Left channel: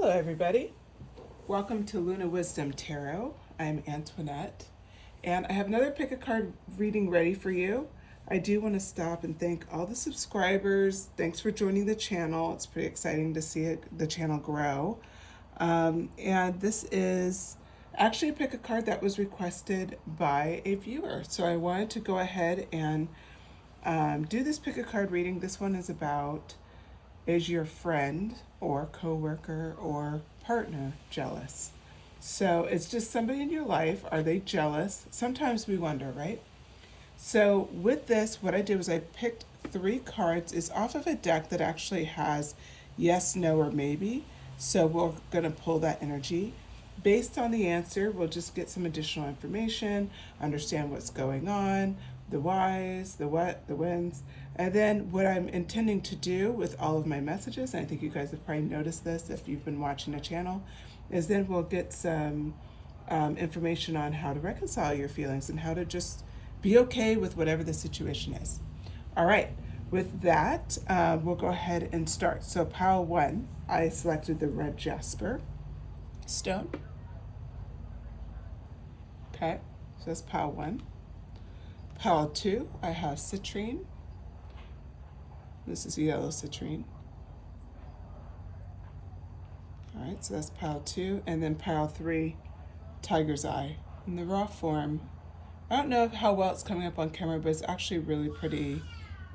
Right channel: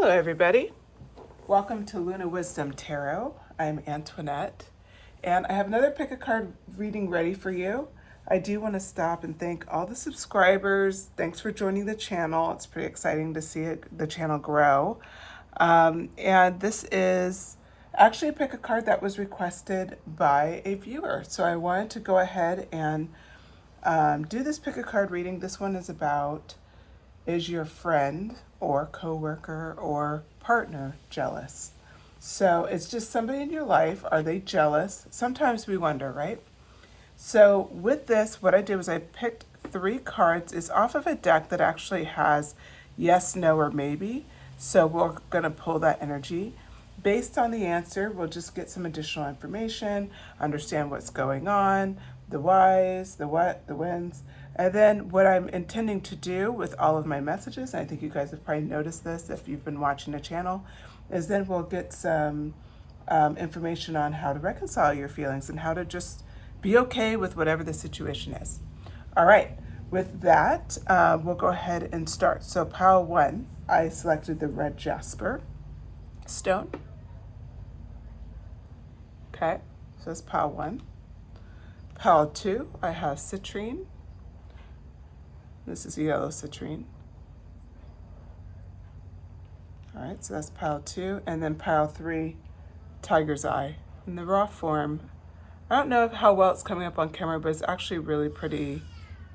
Hello everybody. Welcome to Luna Wisdom Tarot. I'm Antoinette and I have another pick a card reading ready for you. I do want to stop and thank all the subscribers. Thanks for joining the channel. It's pretty exciting to see the channel grow. And this is actually a pick a card that was requested by a viewer. So I wanted to go ahead and do this pick a card reading. This one is about, is your friend or coworker or partner jealous? So it's just somebody in your life. Are they jealous? Sometimes we wonder, right? So with this, what I did was I picked 3 cards. It's off of a deck that actually has yes, no, or maybe. So we're going to pull that energy. Based on the answer, we'll just get some additional information, understand what's going on, the whys, the what, the whens. And then what I'm intending to do with all of my messages, and I think you guys have probably noticed this if you've been watching the channel, is then we'll get some information on how to reconcile your feelings and how to just be okay with whatever the situation is. All right, with that, we'll go ahead and start. So pile 1, I selected the red jasper stone. Okay, so that's pile 1. Pile 2, I have citrine. This is yellow citrine. All right, so that's pile 2. And then pile 3, tiger's eye. In the raw form, I don't know how well it's coming up on camera, but it's actually really pretty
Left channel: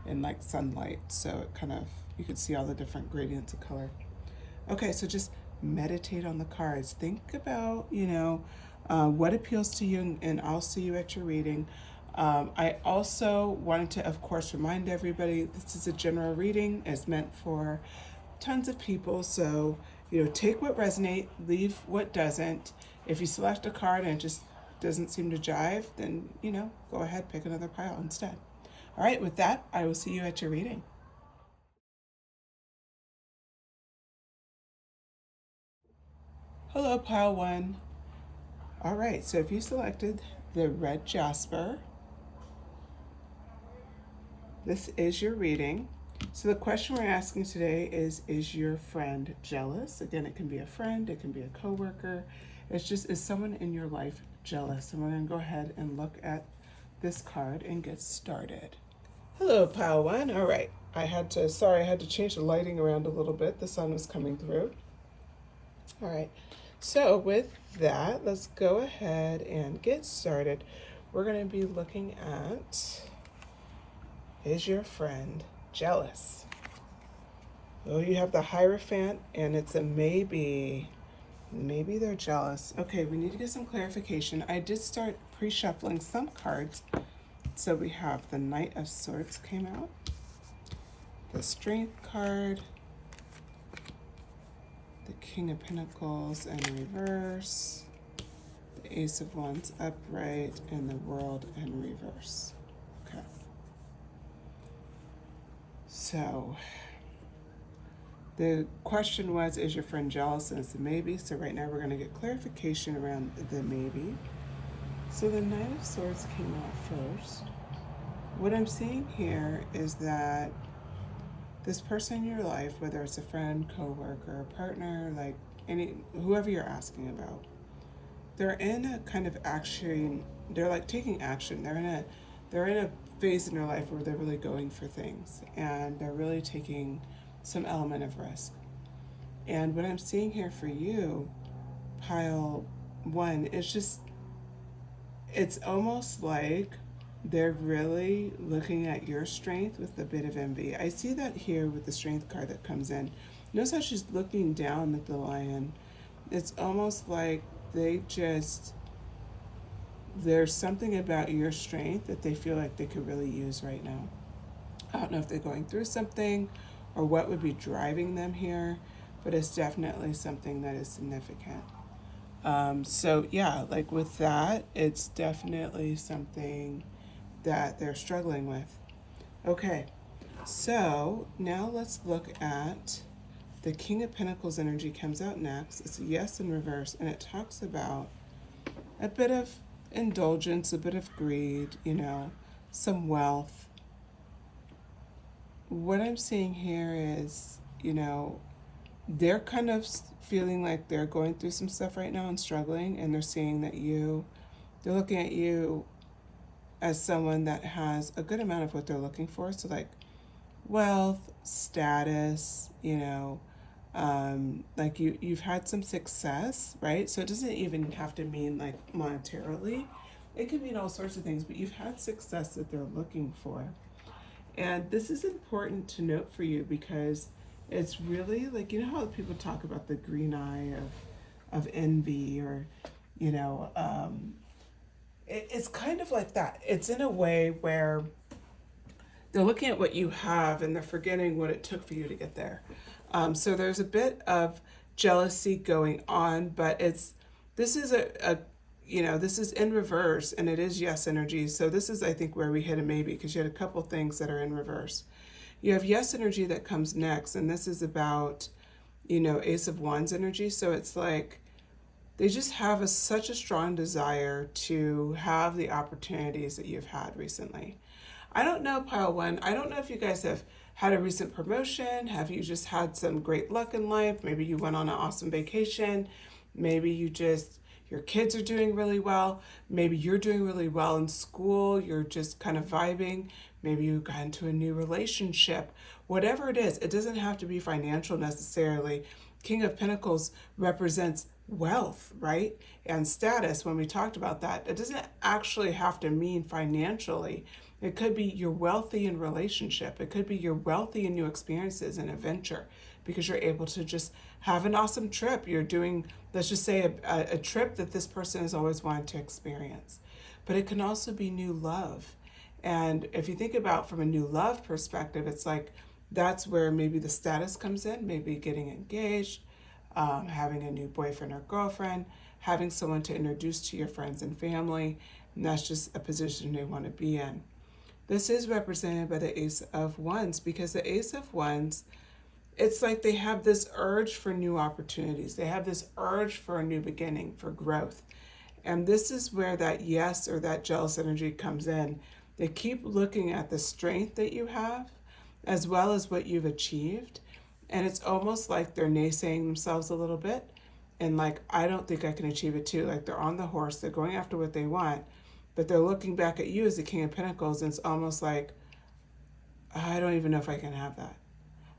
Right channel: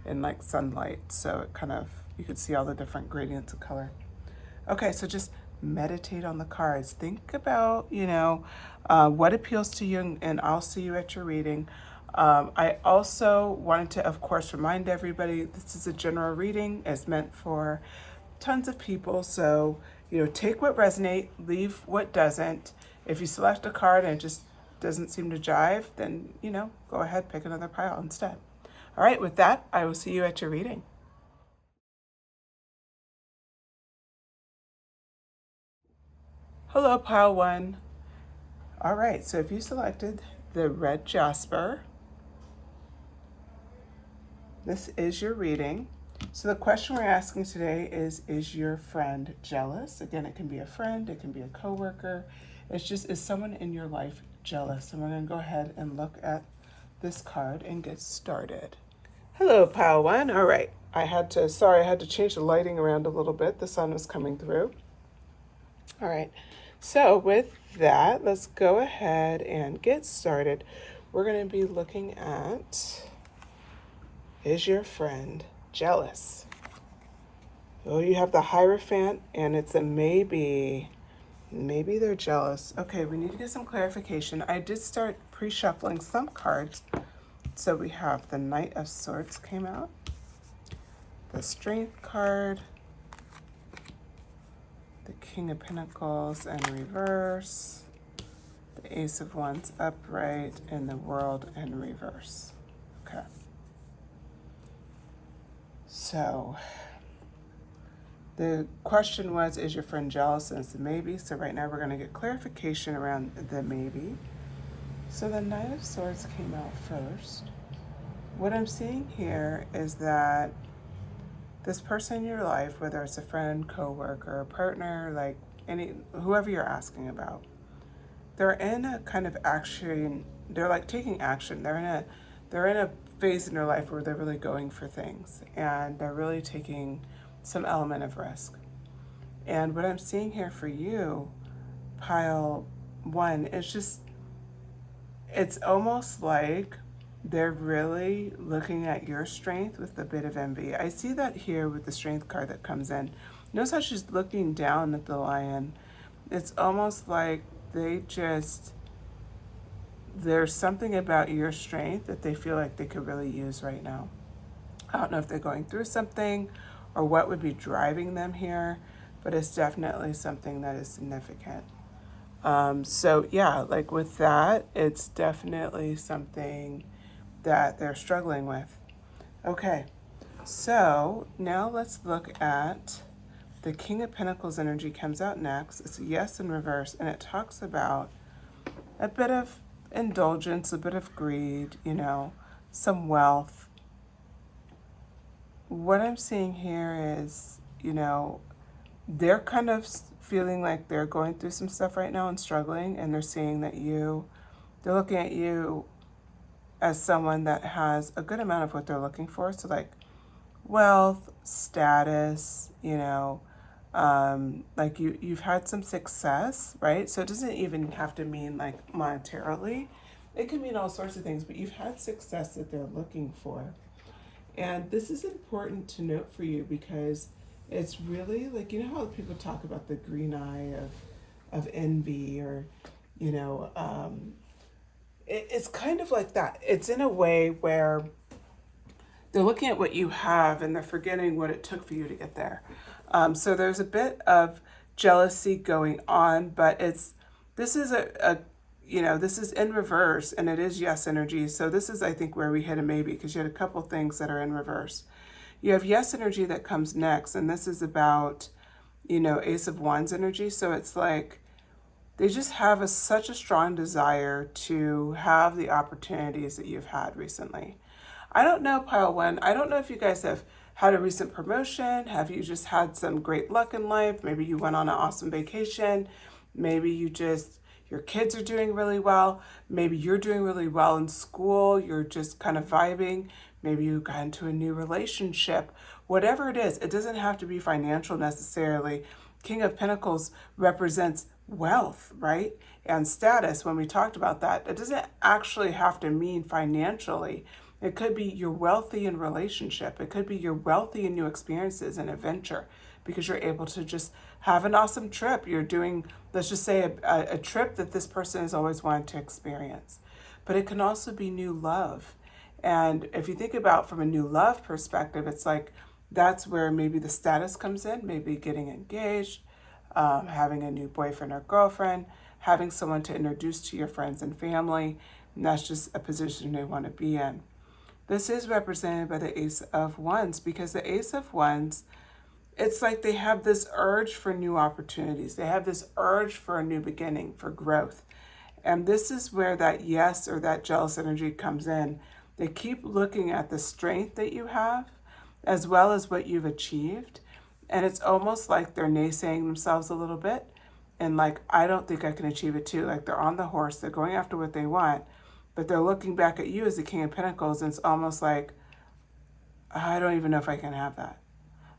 in like sunlight. So it kind of, you can see all the different gradients of color. Okay, so just meditate on the cards. Think about, what appeals to you, and I'll see you at your reading. I also wanted to, of course, remind everybody this is a general reading. It's meant for tons of people. So, take what resonates, leave what doesn't. If you select a card and it just doesn't seem to jive, then, go ahead, pick another pile instead. All right, with that, I will see you at your reading. Hello, pile 1. All right, so if you selected the red jasper, this is your reading. So the question we're asking today is your friend jealous? Again, it can be a friend, it can be a coworker. It's just, is someone in your life jealous? And we're gonna go ahead and look at this card and get started. Hello, pile 1. All right, I had to change the lighting around a little bit. The sun was coming through. All right, so with that, let's go ahead and get started. We're gonna be looking at, is your friend jealous? Well, you have the Hierophant, and it's a maybe. Maybe they're jealous. Okay, we need to get some clarification. I did start pre-shuffling some cards. So we have the Knight of Swords came out, the Strength card, the King of Pentacles in reverse, the Ace of Wands upright, and the World in reverse. Okay. So the question was, is your friend jealous? And it's a maybe. So right now we're going to get clarification around the maybe. So the Knight of Swords came out first. What I'm seeing here is that this person in your life, whether it's a friend, coworker, a partner, like whoever you're asking about, they're in a kind of action. They're like taking action. They're in a phase in their life where they're really going for things, and they're really taking some element of risk. And what I'm seeing here for you, pile 1, is just, it's almost like they're really looking at your strength with a bit of envy. I see that here with the Strength card that comes in. Notice how she's looking down at the lion. It's almost like there's something about your strength that they feel like they could really use right now. I don't know if they're going through something or what would be driving them here, but it's definitely something that is significant. So yeah, like with that, it's definitely something that they're struggling with. Okay, so now let's look at the King of Pentacles energy comes out next. It's yes in reverse, and it talks about a bit of indulgence, a bit of greed, some wealth. What I'm seeing here is, they're kind of feeling like they're going through some stuff right now and struggling, and they're seeing that they're looking at you as someone that has a good amount of what they're looking for. So like wealth, status, like you've had some success, right? So it doesn't even have to mean like monetarily. It can mean all sorts of things, but you've had success that they're looking for. And this is important to note for you because it's really like, how people talk about the green eye of envy, or, it's kind of like that. It's in a way where they're looking at what you have and they're forgetting what it took for you to get there. So there's a bit of jealousy going on, but this is this is in reverse, and it is yes energy. So this is, I think, where we hit a maybe, because you had a couple things that are in reverse. You have yes energy that comes next, and this is about, Ace of Wands energy. So it's like they just have such a strong desire to have the opportunities that you've had recently. I don't know, Pile 1, I don't know if you guys have had a recent promotion. Have you just had some great luck in life? Maybe you went on an awesome vacation. Maybe your kids are doing really well. Maybe you're doing really well in school. You're just kind of vibing. Maybe you got into a new relationship. Whatever it is, it doesn't have to be financial necessarily. King of Pentacles represents wealth, right? And status. When we talked about that, it doesn't actually have to mean financially. It could be you're wealthy in relationship. It could be you're wealthy in new experiences and adventure, because you're able to just have an awesome trip. You're doing, let's just say, a trip that this person has always wanted to experience. But it can also be new love. And if you think about from a new love perspective, it's like that's where maybe the status comes in, maybe getting engaged, having a new boyfriend or girlfriend, having someone to introduce to your friends and family. And that's just a position they want to be in. This is represented by the Ace of Wands, because the Ace of Wands, it's like they have this urge for new opportunities. They have this urge for a new beginning, for growth. And this is where that yes or that jealous energy comes in. They keep looking at the strength that you have as well as what you've achieved. And it's almost like they're naysaying themselves a little bit. And like, I don't think I can achieve it too. Like they're on the horse, they're going after what they want, but they're looking back at you as the King of Pentacles, and it's almost like, I don't even know if I can have that.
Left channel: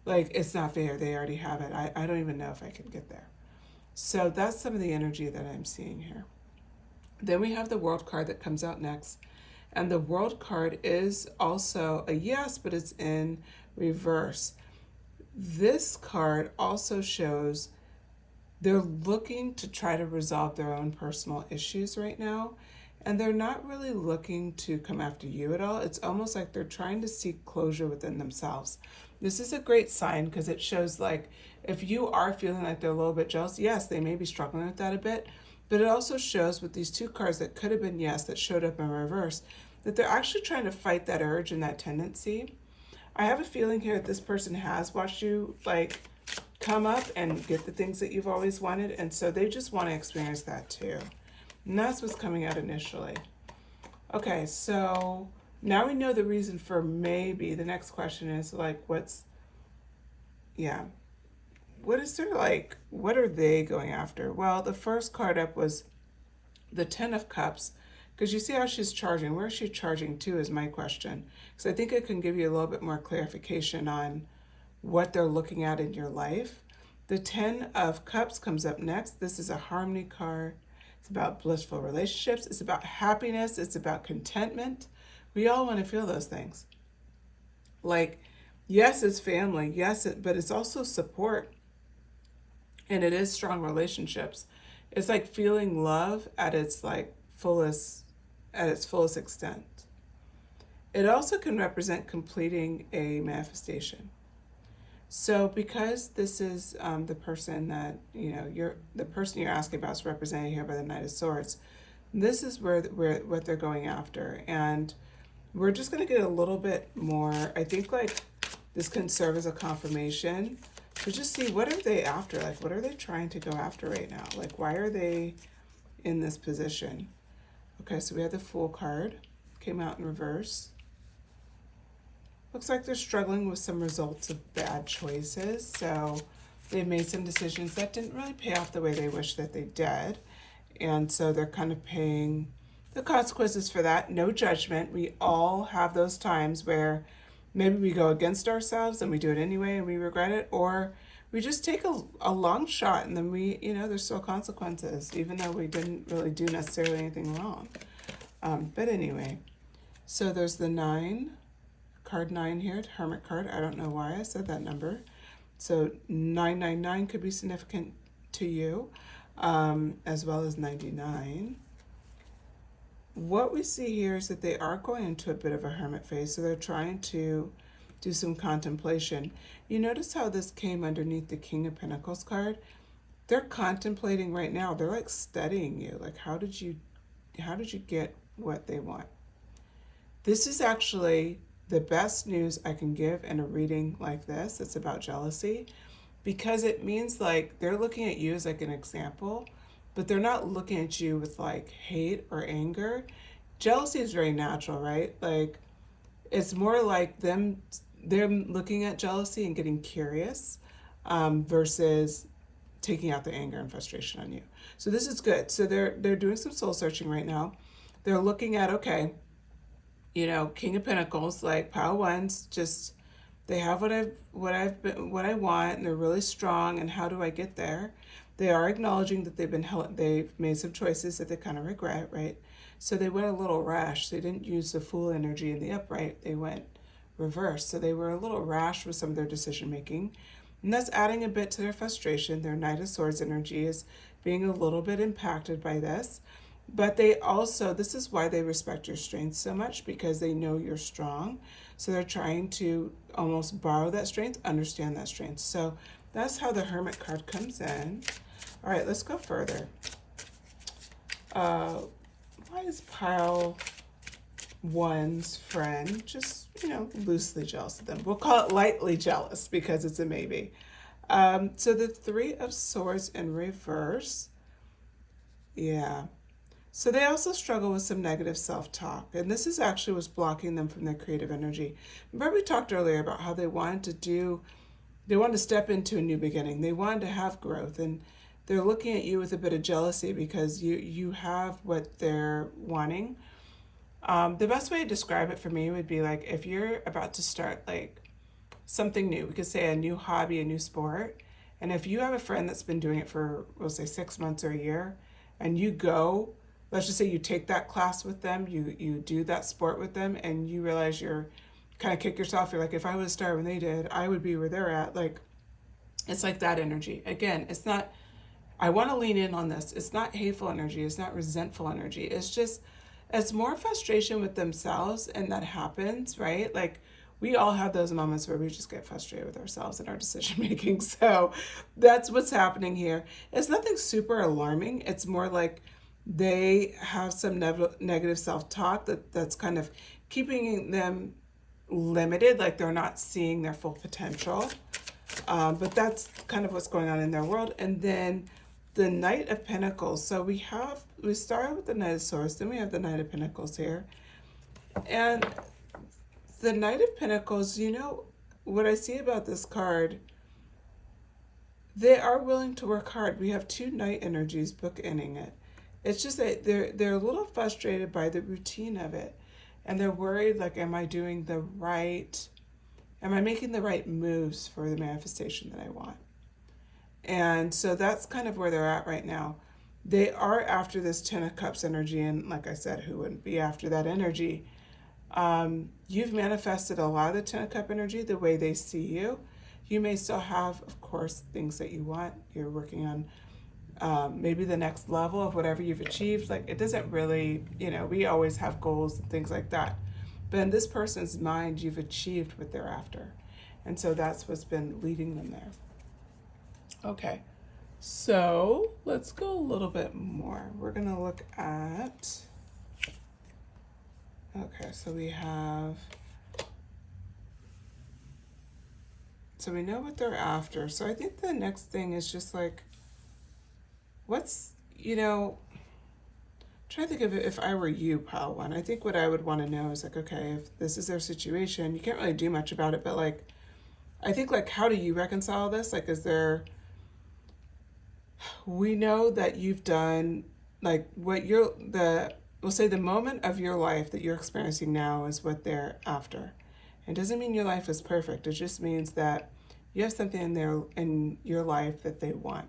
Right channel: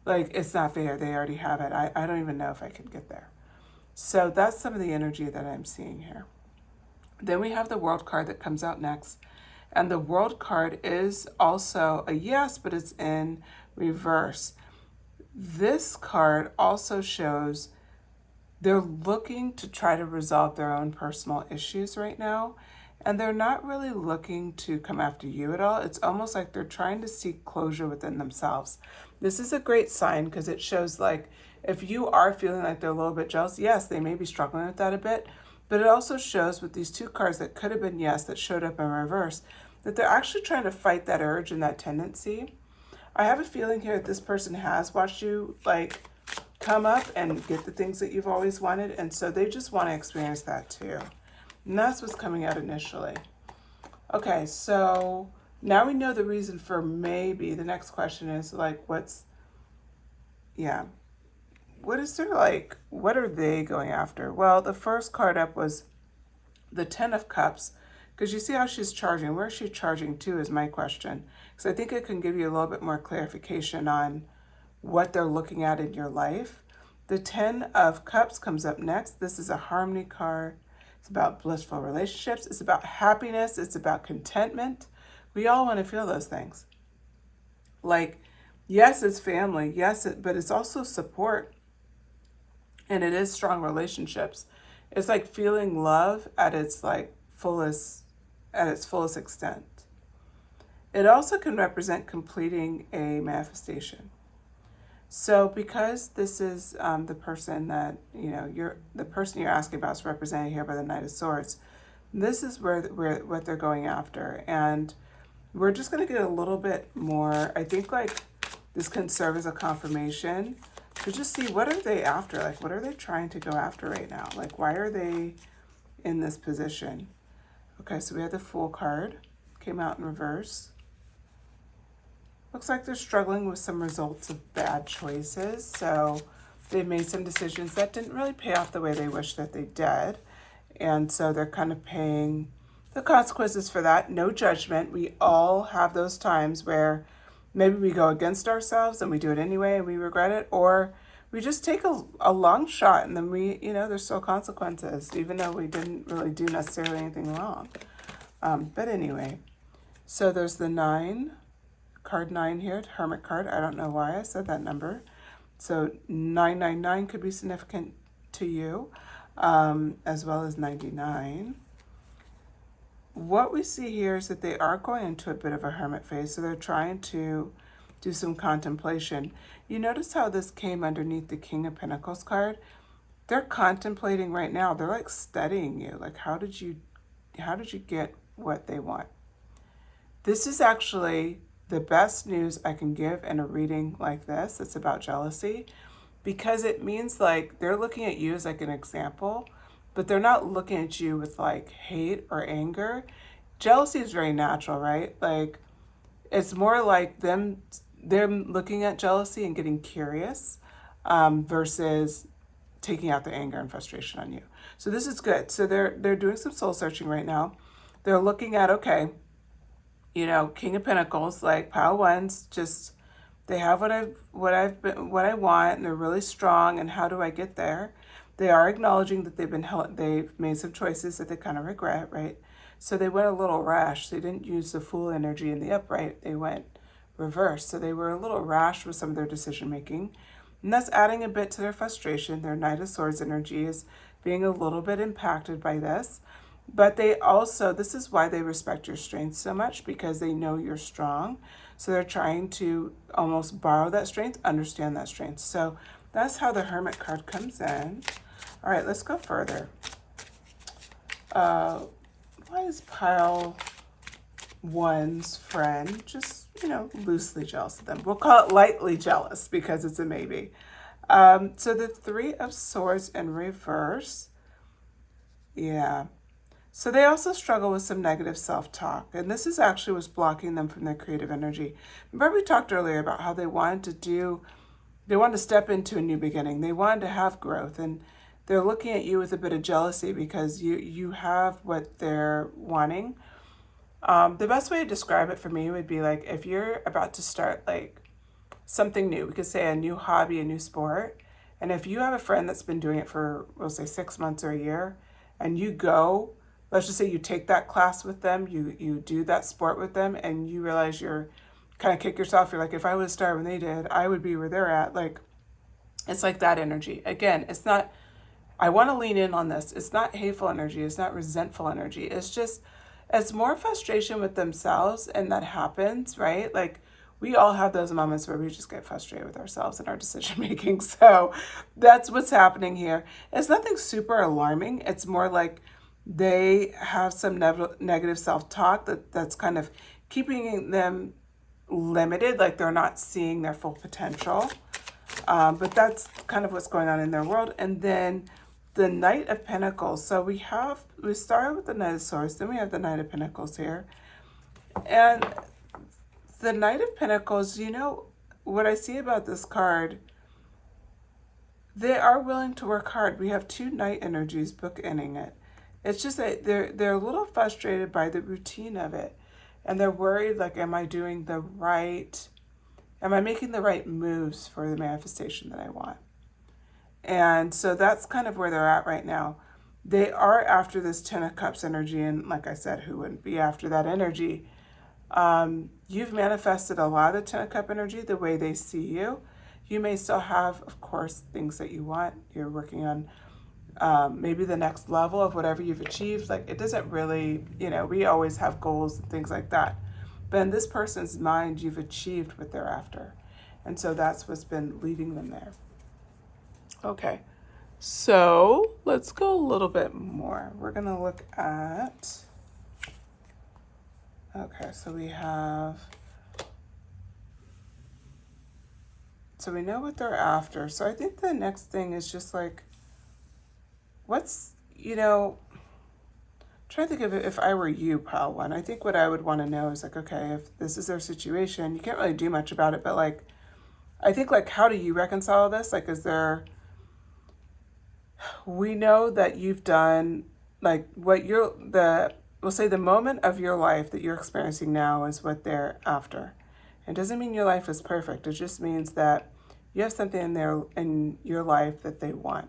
Like, it's not fair. They already have it. I don't even know if I can get there. So that's some of the energy that I'm seeing here. Then we have the World card that comes out next. And the World card is also a yes, but it's in reverse. This card also shows they're looking to try to resolve their own personal issues right now. And they're not really looking to come after you at all. It's almost like they're trying to seek closure within themselves. This is a great sign, because it shows like if you are feeling like they're a little bit jealous, yes, they may be struggling with that a bit. But it also shows with these two cards that could have been yes that showed up in reverse, that they're actually trying to fight that urge and that tendency. I have a feeling here that this person has watched you like come up and get the things that you've always wanted. And so they just want to experience that too. And that's what's coming out initially. Okay, so now we know the reason for maybe. The next question is like, what is there like, what are they going after? Well, the first card up was the 10 of Cups, because you see how she's charging. Where is she charging to is my question. Because I think it can give you a little bit more clarification on what they're looking at in your life. The 10 of Cups comes up next. This is a harmony card. It's about blissful relationships. It's about happiness. It's about contentment. We all want to feel those things. Like, yes, it's family. Yes, but it's also support. And it is strong relationships. It's like feeling love at its like fullest extent. It also can represent completing a manifestation. So because this is the person that, the person you're asking about is represented here by the Knight of Swords, this is what they're going after. And we're just going to get a little bit more, I think like this can serve as a confirmation to just see what are they after? Like, what are they trying to go after right now? Like, why are they in this position? Okay, so we had the Fool card, came out in reverse. Looks like they're struggling with some results of bad choices. So They've made some decisions that didn't really pay off the way they wish that they did. And so they're kind of paying the consequences for that. No judgment. We all have those times where maybe we go against ourselves and we do it anyway and we regret it, or we just take a long shot and then we, there's still consequences, even though we didn't really do necessarily anything wrong. But anyway, so there's the 9, card 9 here, Hermit card. I don't know why I said that number. So 999 could be significant to you, as well as 99. What we see here is that they are going into a bit of a hermit phase, so they're trying to do some contemplation. You notice how this came underneath the King of Pentacles card? They're contemplating right now. They're like studying you. Like, how did you get what they want? This is actually the best news I can give in a reading like this. It's about jealousy, because it means like they're looking at you as like an example, but they're not looking at you with like hate or anger. Jealousy is very natural, right? Like, it's more like they're looking at jealousy and getting curious, versus taking out the anger and frustration on you. So this is good. So they're doing some soul searching right now. They're looking at, okay, King of Pentacles, like pile ones, just they have what I want, and they're really strong. And how do I get there? They are acknowledging that they've made some choices that they kind of regret, right? So they went a little rash. They didn't use the Fool energy in the upright. They went reverse. So they were a little rash with some of their decision making. And that's adding a bit to their frustration. Their Knight of Swords energy is being a little bit impacted by this. But they also, this is why they respect your strength so much, because they know you're strong. So they're trying to almost borrow that strength, understand that strength. So that's how the Hermit card comes in. All right, let's go further. Why is pile one's friend just, loosely jealous of them? We'll call it lightly jealous because it's a maybe. So the 3 of Swords in reverse. Yeah. So they also struggle with some negative self-talk. And this is actually what's blocking them from their creative energy. Remember we talked earlier about how they wanted to step into a new beginning. They wanted to have growth, and they're looking at you with a bit of jealousy because you have what they're wanting. The best way to describe it for me would be like if you're about to start like something new, we could say a new hobby, a new sport. And if you have a friend that's been doing it for, we'll say 6 months or a year, and you go, let's just say you take that class with them, you do that sport with them, and you realize you're kind of kick yourself. You're like, if I would have started when they did, I would be where they're at. Like, it's like that energy. Again, it's not, I want to lean in on this. It's not hateful energy. It's not resentful energy. It's more frustration with themselves, and that happens, right? Like, we all have those moments where we just get frustrated with ourselves and our decision making. So that's what's happening here. It's nothing super alarming. It's more like they have some negative self-talk that's kind of keeping them limited, like they're not seeing their full potential. But that's kind of what's going on in their world. And then the Knight of Pentacles. So we started with the Knight of Swords, then we have the Knight of Pentacles here. And the Knight of Pentacles, what I see about this card, they are willing to work hard. We have 2 Knight energies bookending it. It's just that they're a little frustrated by the routine of it. And they're worried, like, am I making the right moves for the manifestation that I want? And so that's kind of where they're at right now. They are after this 10 of Cups energy. And like I said, who wouldn't be after that energy? You've manifested a lot of the 10 of Cup energy the way they see you. You may still have, of course, things that you want. You're working on maybe the next level of whatever you've achieved. Like, it doesn't really, we always have goals and things like that. But in this person's mind, you've achieved what they're after. And so that's what's been leading them there. Okay, so let's go a little bit more. We're going to look at, okay, so we know what they're after. So I think the next thing is just like, try to think of it if I were you, pile one. I think what I would want to know is like, okay, if this is their situation, you can't really do much about it, but like, I think like, how do you reconcile this? Like, is there we know that you've done, like, what we'll say the moment of your life that you're experiencing now is what they're after. It doesn't mean your life is perfect. It just means that you have something in your life that they want.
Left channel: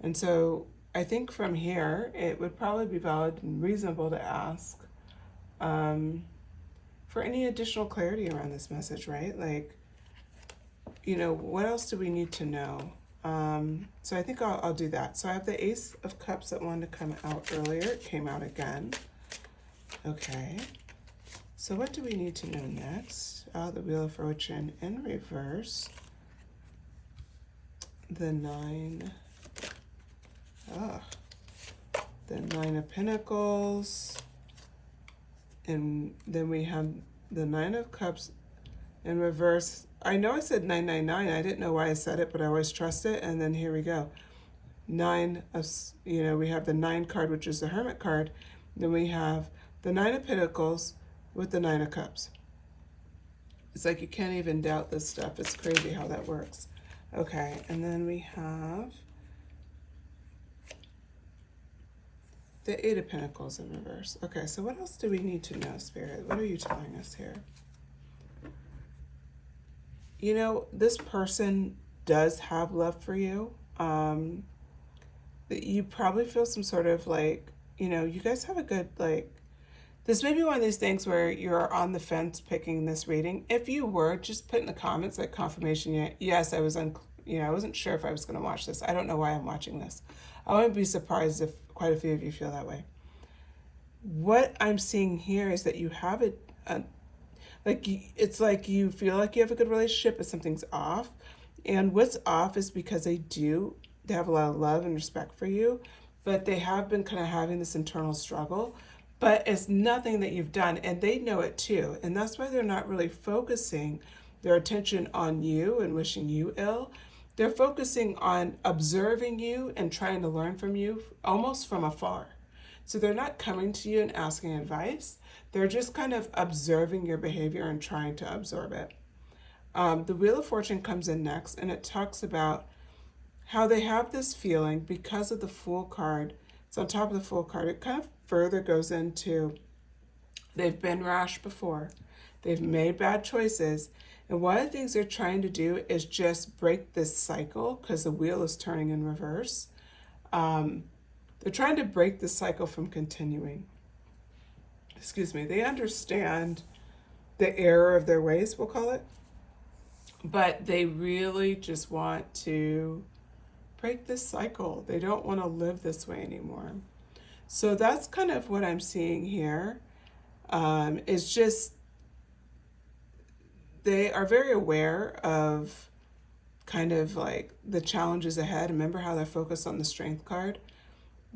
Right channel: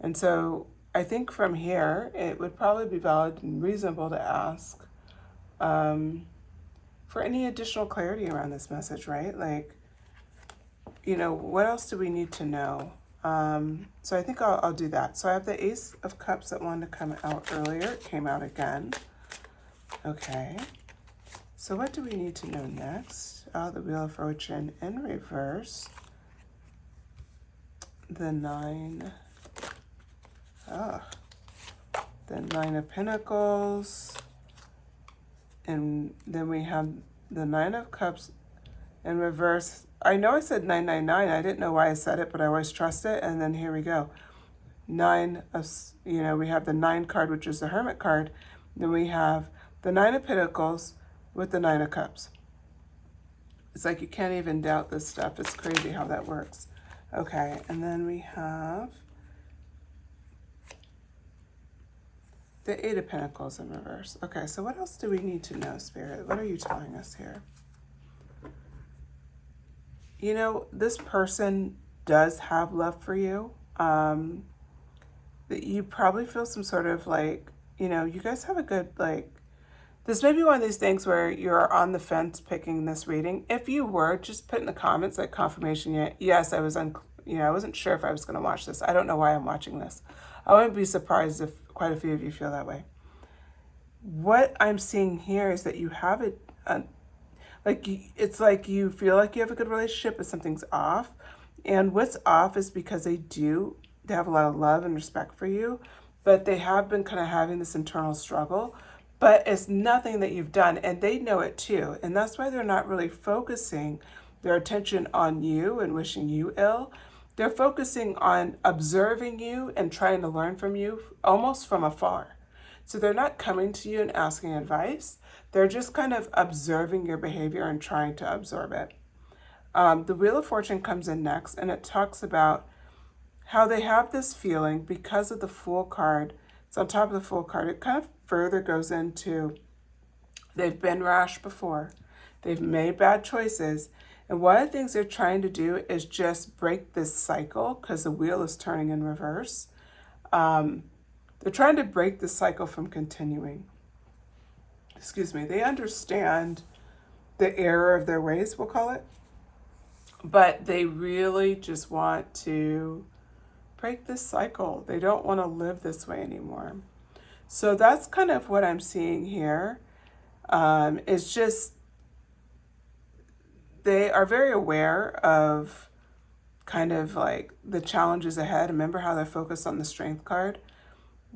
And so I think from here, it would probably be valid and reasonable to ask for any additional clarity around this message, right? Like, what else do we need to know? So I think I'll do that. So I have the Ace of Cups that wanted to come out earlier. It came out again. Okay. So what do we need to know next? Oh, the Wheel of Fortune in reverse. The Nine of Pentacles. And then we have the Nine of Cups in reverse. I know I said 999. I didn't know why I said it, but I always trust it. And then here we go. We have the 9 card, which is the Hermit card. Then we have the 9 of Pentacles with the 9 of Cups. It's like you can't even doubt this stuff. It's crazy how that works. Okay, and then we have the 8 of Pentacles in reverse. Okay, so what else do we need to know, Spirit? What are you telling us here? This person does have love for you. That you probably feel some sort of you guys have a good, this may be one of these things where you're on the fence picking this reading. If you were, just put in the comments confirmation. Yes, I wasn't sure if I was going to watch this. I don't know why I'm watching this. I wouldn't be surprised if quite a few of you feel that way. What I'm seeing here is that you have it's like you feel like you have a good relationship, but something's off. And what's off is because they have a lot of love and respect for you, but they have been kind of having this internal struggle. But it's nothing that you've done, and they know it too. And that's why they're not really focusing their attention on you and wishing you ill. They're focusing on observing you and trying to learn from you almost from afar. So they're not coming to you and asking advice. They're just kind of observing your behavior and trying to absorb it. The Wheel of Fortune comes in next, and it talks about how they have this feeling because of the Fool card. It's on top of the Fool card. It kind of further goes into they've been rash before. They've made bad choices. And one of the things they're trying to do is just break this cycle because the wheel is turning in reverse. They're trying to break the cycle from continuing. Excuse me. They understand the error of their ways, we'll call it. But they really just want to break this cycle. They don't want to live this way anymore. So that's kind of what I'm seeing here. It's just they are very aware of kind of like the challenges ahead. Remember how they're focused on the Strength card?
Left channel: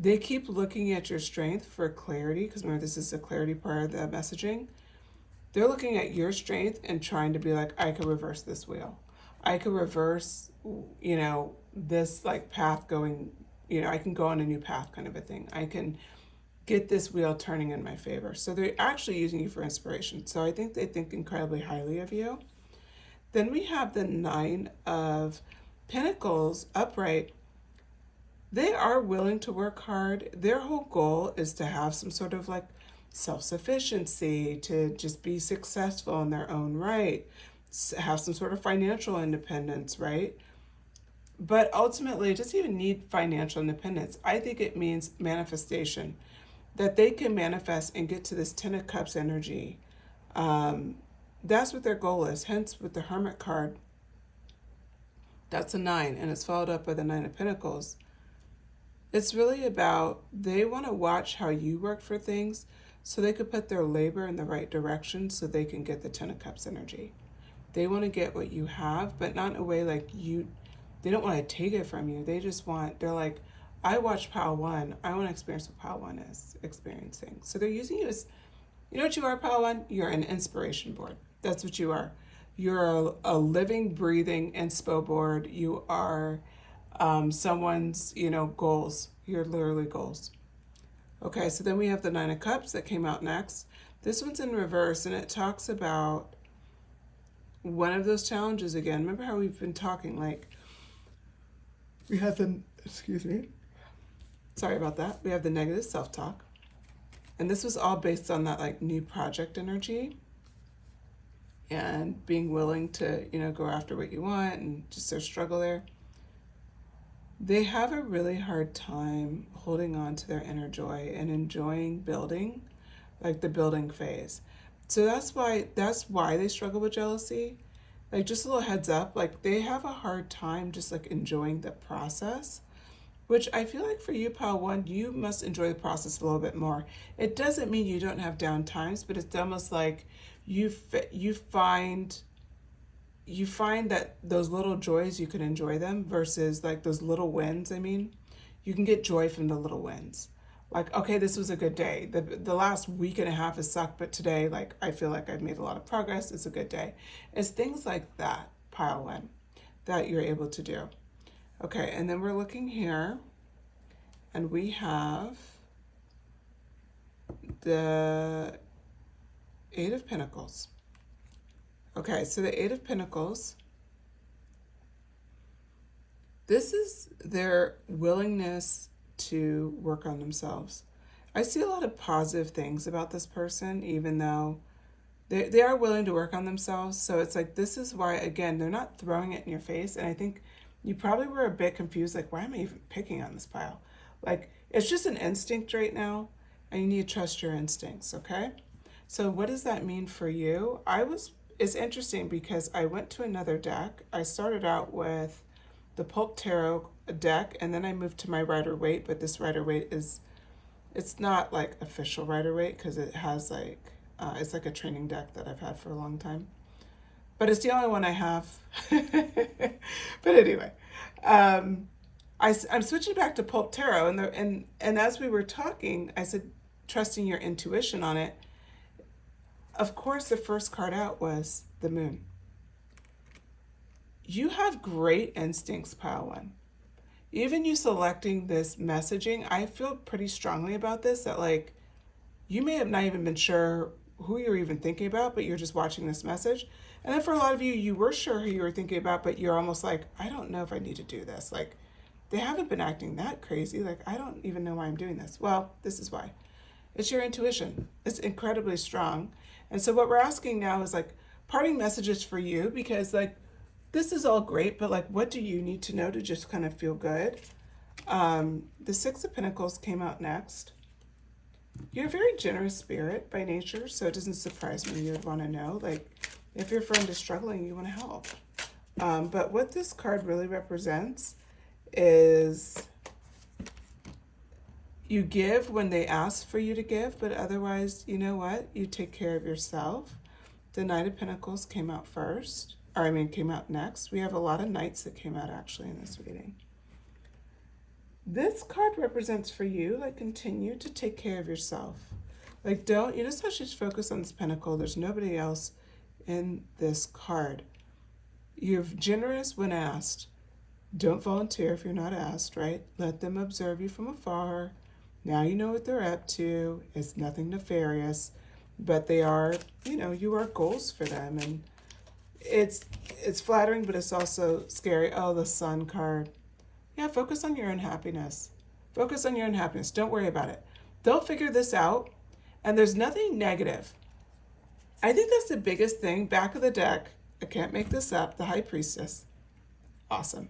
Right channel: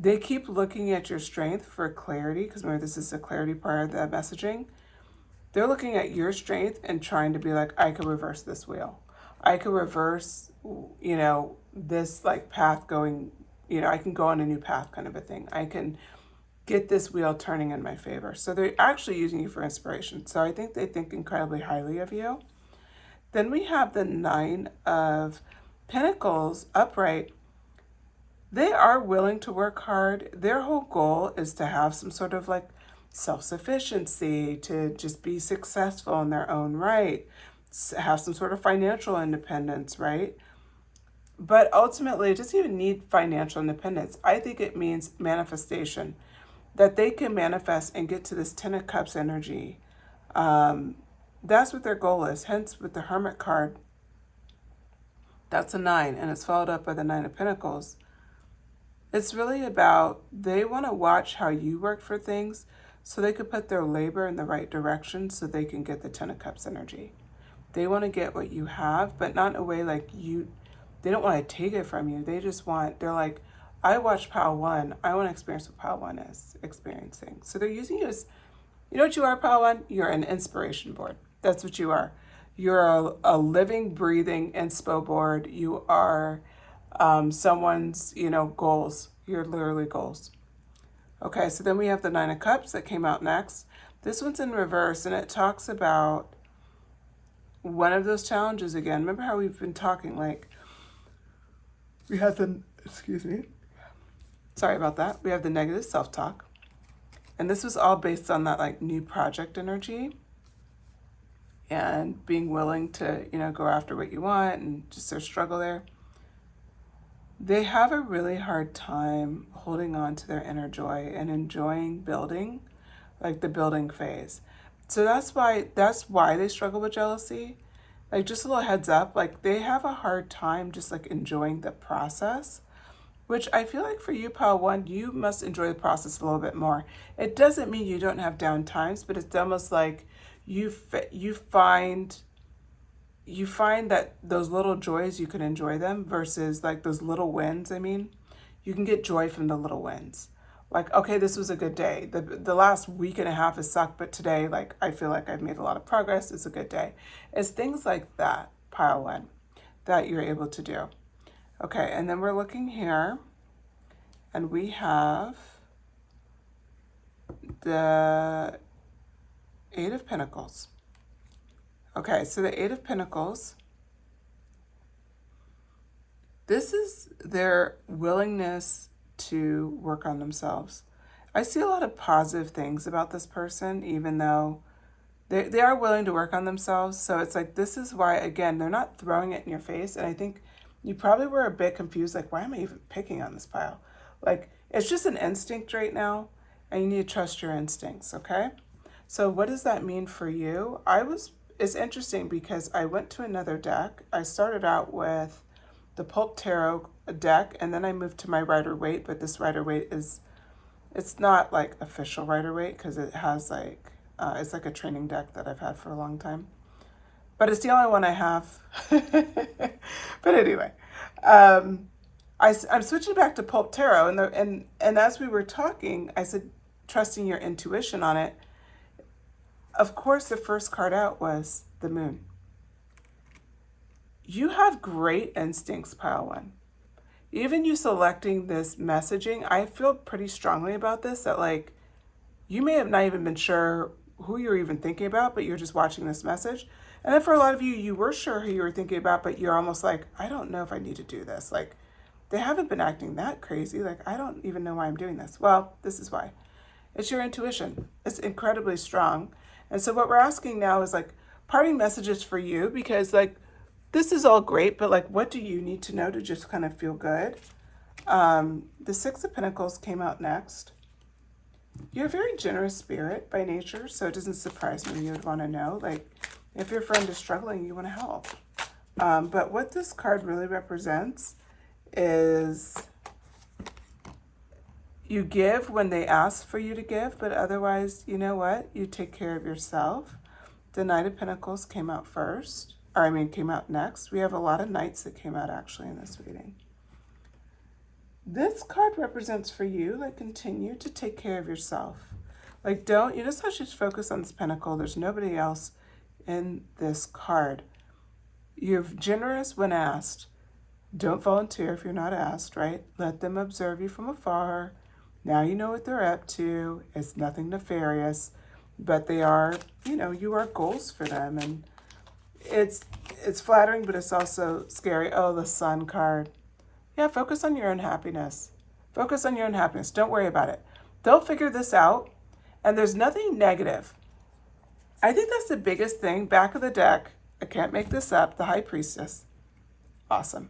They keep looking at your strength for clarity, because remember, this is the clarity part of the messaging. They're looking at your strength and trying to be like, I could reverse this wheel. I could reverse, this path going, I can go on a new path kind of a thing. I can get this wheel turning in my favor. So they're actually using you for inspiration. So I think they think incredibly highly of you. Then we have the 9 of Pentacles upright. They are willing to work hard. Their whole goal is to have some sort of self-sufficiency, to just be successful in their own right, have some sort of financial independence, right? But ultimately, it doesn't even need financial independence. I think it means manifestation, that they can manifest and get to this 10 of Cups energy. That's what their goal is. Hence, with the Hermit card, that's a 9, and it's followed up by the 9 of Pentacles. It's really about they want to watch how you work for things so they could put their labor in the right direction so they can get the 10 of Cups energy. They want to get what you have, but not in a way they don't want to take it from you. They're like, I watch Pile 1. I want to experience what Pile 1 is experiencing. So they're using you as, you know what you are, Pile 1? You're an inspiration board. That's what you are. You're a living, breathing inspo board. You are someone's, goals. You're literally goals. Okay, so then we have the 9 of Cups that came out next. This one's in reverse, and it talks about one of those challenges again. Remember how we've been talking, we had the Excuse me. Sorry about that. We have the negative self-talk. And this was all based on that like new project energy and being willing to, go after what you want and just their struggle there. They have a really hard time holding on to their inner joy and enjoying building, like the building phase. So that's why they struggle with jealousy. Like, just a little heads up, like they have a hard time just like enjoying the process, which I feel like for you, Pile 1, you must enjoy the process a little bit more. It doesn't mean you don't have down times, but it's almost like you find that those little joys, you can enjoy them versus like those little wins. I mean, you can get joy from the little wins. Like, okay, this was a good day. The last week and a half has sucked, but today, like, I feel like I've made a lot of progress. It's a good day. It's things like that, Pile 1, that you're able to do. Okay, and then we're looking here, and we have the Eight of Pentacles. Okay, so the Eight of Pentacles, this is their willingness to work on themselves. I see a lot of positive things about this person, even though they are willing to work on themselves. So it's like, this is why, again, they're not throwing it in your face. And I think you probably were a bit confused, like, why am I even picking on this pile? Like, it's just an instinct right now, and you need to trust your instincts, okay? So what does that mean for you? It's interesting because I went to another deck. I started out with the Pulp Tarot deck, and then I moved to my Rider-Waite, but this Rider-Waite it's not like official Rider-Waite because it has like, it's like a training deck that I've had for a long time. But it's the only one I have. But anyway, I'm switching back to Pulp Tarot, and as we were talking, I said, trusting your intuition on it. Of course, the first card out was the Moon. You have great instincts, Pile 1. Even you selecting this messaging, I feel pretty strongly about this, that like, you may have not even been sure who you're even thinking about, but you're just watching this message. And then for a lot of you, you were sure who you were thinking about, but you're almost like, I don't know if I need to do this. Like, they haven't been acting that crazy. Like, I don't even know why I'm doing this. Well, this is why. It's your intuition. It's incredibly strong. And so what we're asking now is like parting messages for you, because like, this is all great, but like, what do you need to know to just kind of feel good? The Six of Pentacles came out next. You're a very generous spirit by nature, so it doesn't surprise me you would want to know. Like, if your friend is struggling, you want to help. But what this card really represents is you give when they ask for you to give, but otherwise, you know what? You take care of yourself. The Knight of Pentacles came out came out next. We have a lot of Knights that came out actually in this reading. This card represents for you, like, continue to take care of yourself. Like, you just have to focus on this Pentacle. There's nobody else in this card. You're generous when asked. Don't volunteer if you're not asked, right? Let them observe you from afar. Now you know what they're up to. It's nothing nefarious, but they are, you are goals for them. And it's flattering, but it's also scary. Oh, the Sun card. Yeah, focus on your own happiness. Focus on your own happiness. Don't worry about it. They'll figure this out, and there's nothing negative. I think that's the biggest thing. Back of the deck, I can't make this up, the High Priestess. Awesome.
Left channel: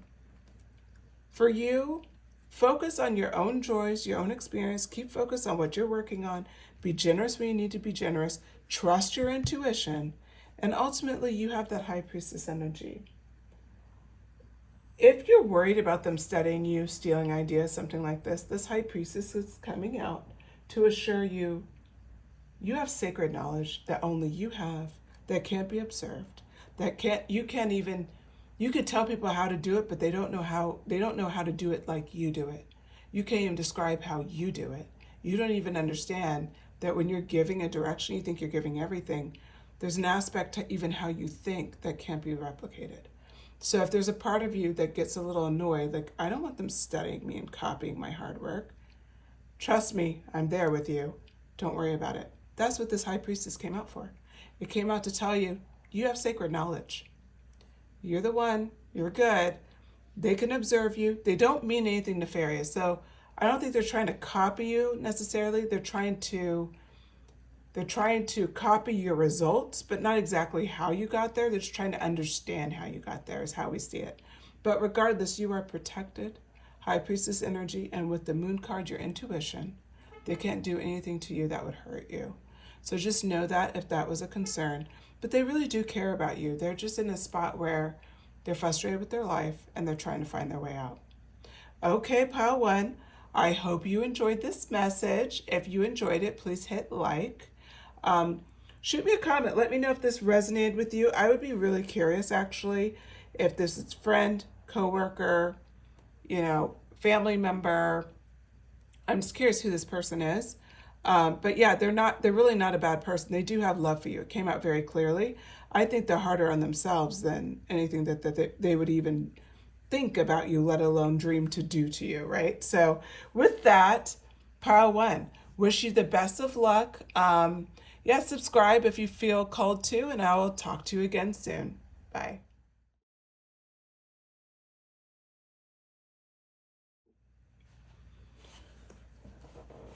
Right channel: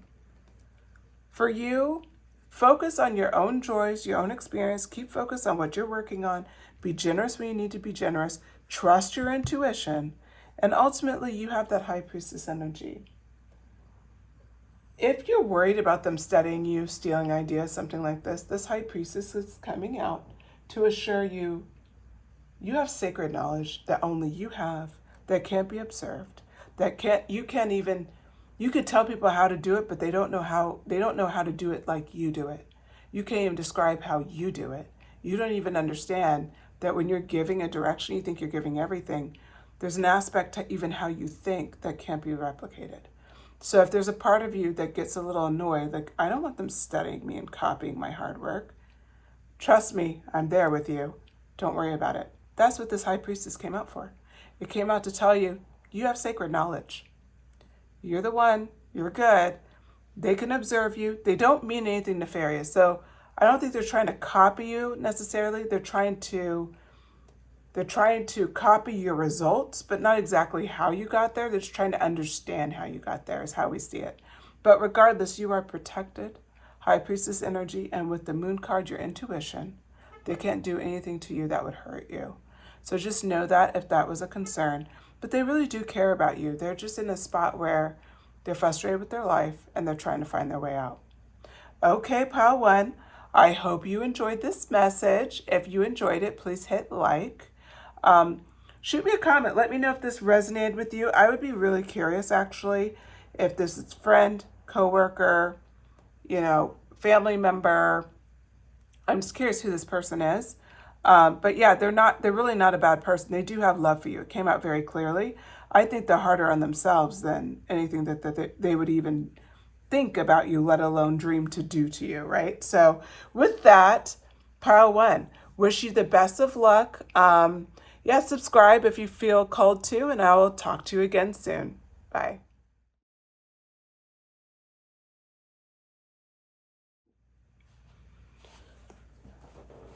For you, focus on your own joys, your own experience. Keep focused on what you're working on. Be generous when you need to be generous. Trust your intuition. And ultimately, you have that High Priestess energy. If you're worried about them studying you, stealing ideas, something like this High Priestess is coming out to assure you have sacred knowledge that only you have, that can't be observed, you could tell people how to do it, but they don't know how to do it like you do it. You can't even describe how you do it. You don't even understand that when you're giving a direction, you think you're giving everything. There's an aspect to even how you think that can't be replicated. So if there's a part of you that gets a little annoyed, like, I don't want them studying me and copying my hard work. Trust me, I'm there with you. Don't worry about it. That's what this High Priestess came out for. It came out to tell you, you have sacred knowledge. You're the one, you're good. They can observe you. They don't mean anything nefarious. So I don't think they're trying to copy you necessarily. They're trying to copy your results, but not exactly how you got there. They're just trying to understand how you got there is how we see it. But regardless, you are protected. High Priestess energy, and with the Moon card, your intuition. They can't do anything to you that would hurt you. So just know that if that was a concern. But they really do care about you. They're just in a spot where they're frustrated with their life and they're trying to find their way out. Okay, pile one. I hope you enjoyed this message. If you enjoyed it, please hit like. Shoot me a comment. Let me know if this resonated with you. I would be really curious, actually, if this is friend, coworker, family member. I'm just curious who this person is. But yeah, they're really not a bad person. They do have love for you. It came out very clearly. I think they're harder on themselves than anything that they would even think about you, let alone dream to do to you, right? So with that, pile one, wish you the best of luck. Subscribe if you feel called to, and I will talk to you again soon. Bye.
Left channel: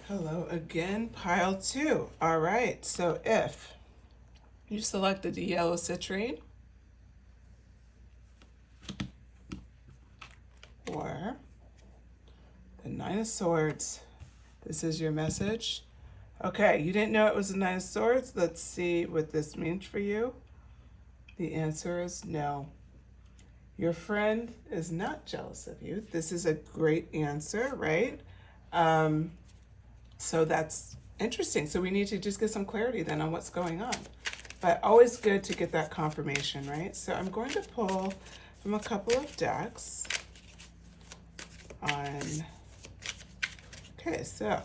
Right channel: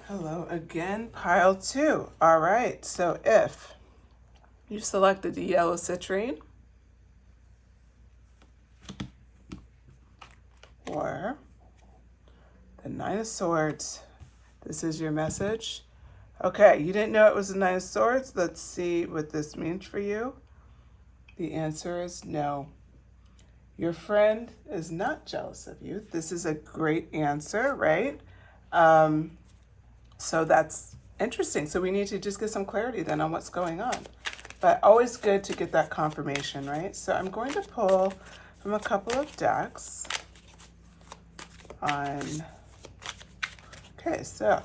Hello again, pile two. All right, so if you selected the yellow citrine or the Nine of Swords, this is your message. Okay, you didn't know it was the Nine of Swords. Let's see what this means for you. The answer is no. Your friend is not jealous of you. This is a great answer, right? So that's interesting. So we need to just get some clarity then on what's going on. But always good to get that confirmation, right? So I'm going to pull from a couple of decks on, okay, so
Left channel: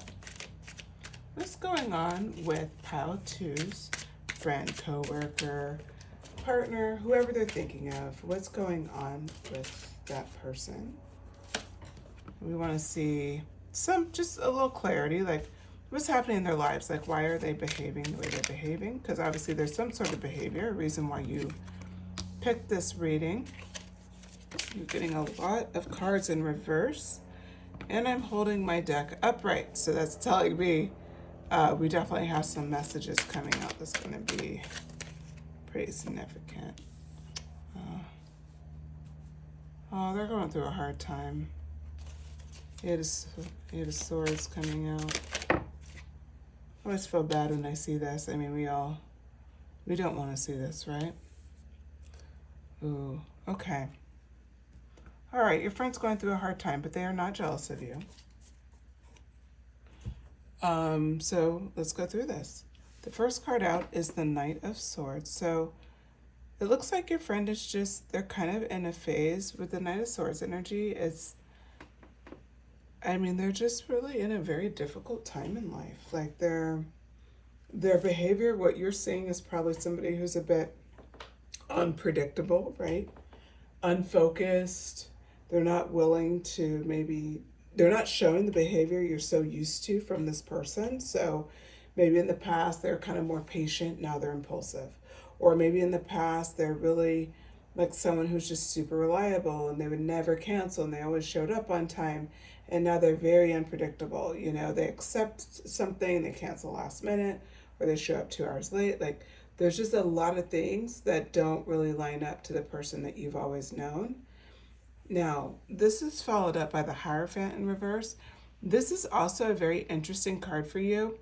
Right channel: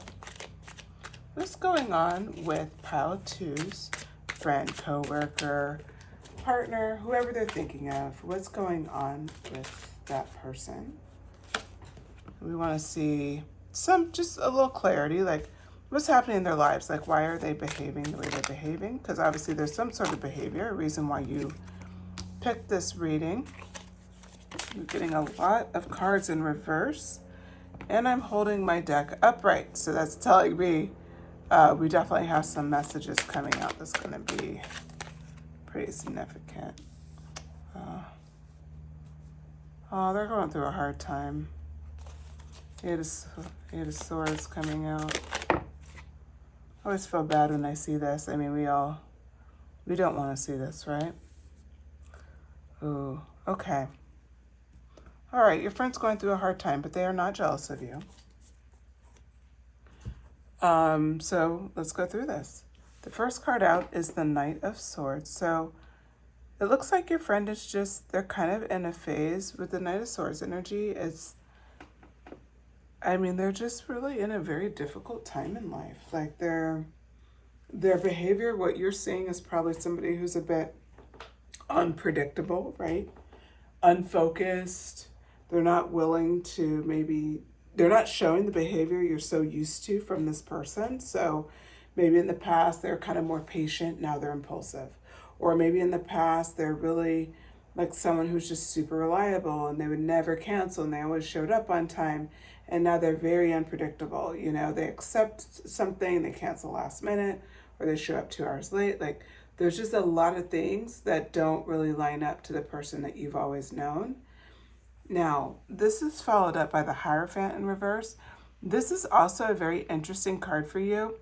what's going on with pile two's friend, coworker, partner, whoever they're thinking of? What's going on with that person? We want to see just a little clarity, like what's happening in their lives, like why are they behaving the way they're behaving? Because obviously there's some sort of behavior, a reason why you picked this reading. You're getting a lot of cards in reverse, and I'm holding my deck upright, so that's telling me we definitely have some messages coming out that's going to be pretty significant. They're going through a hard time. Eight of Swords coming out. I always feel bad when I see this. I mean, we don't want to see this, right? Ooh, okay. All right, your friend's going through a hard time, but they are not jealous of you. So let's go through this. The first card out is the Knight of Swords. So it looks like your friend is they're kind of in a phase with the Knight of Swords energy. They're just really in a very difficult time in life. Like their behavior, what you're seeing is probably somebody who's a bit unpredictable, right? Unfocused. They're not willing to they're not showing the behavior you're so used to from this person. So maybe in the past, they're kind of more patient. Now they're impulsive. Or maybe in the past, they're really like someone who's just super reliable and they would never cancel and they always showed up on time. And now they're very unpredictable. They accept something, they cancel last minute, or they show up 2 hours late. Like there's just a lot of things that don't really line up to the person that you've always known. Now, this is followed up by the Hierophant in reverse. This is also a very interesting card for you.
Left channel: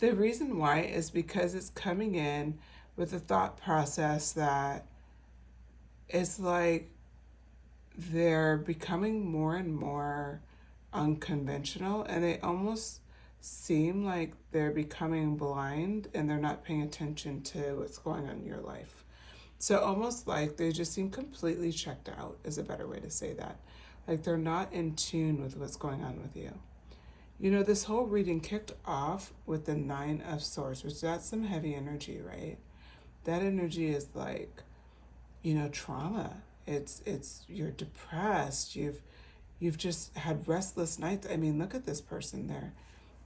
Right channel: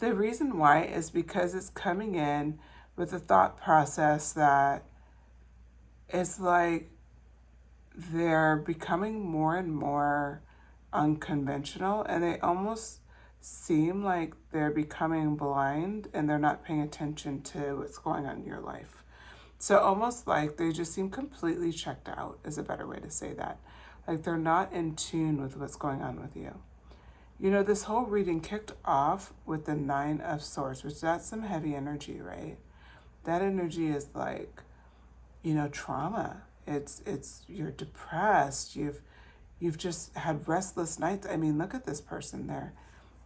The reason why is because it's coming in with a thought process that is like they're becoming more and more unconventional, and they almost seem like they're becoming blind and they're not paying attention to what's going on in your life. So almost like they just seem completely checked out is a better way to say that. Like they're not in tune with what's going on with you. This whole reading kicked off with the Nine of Swords, which that's some heavy energy, right? That energy is like, trauma. It's you're depressed. You've just had restless nights. I mean, look at this person.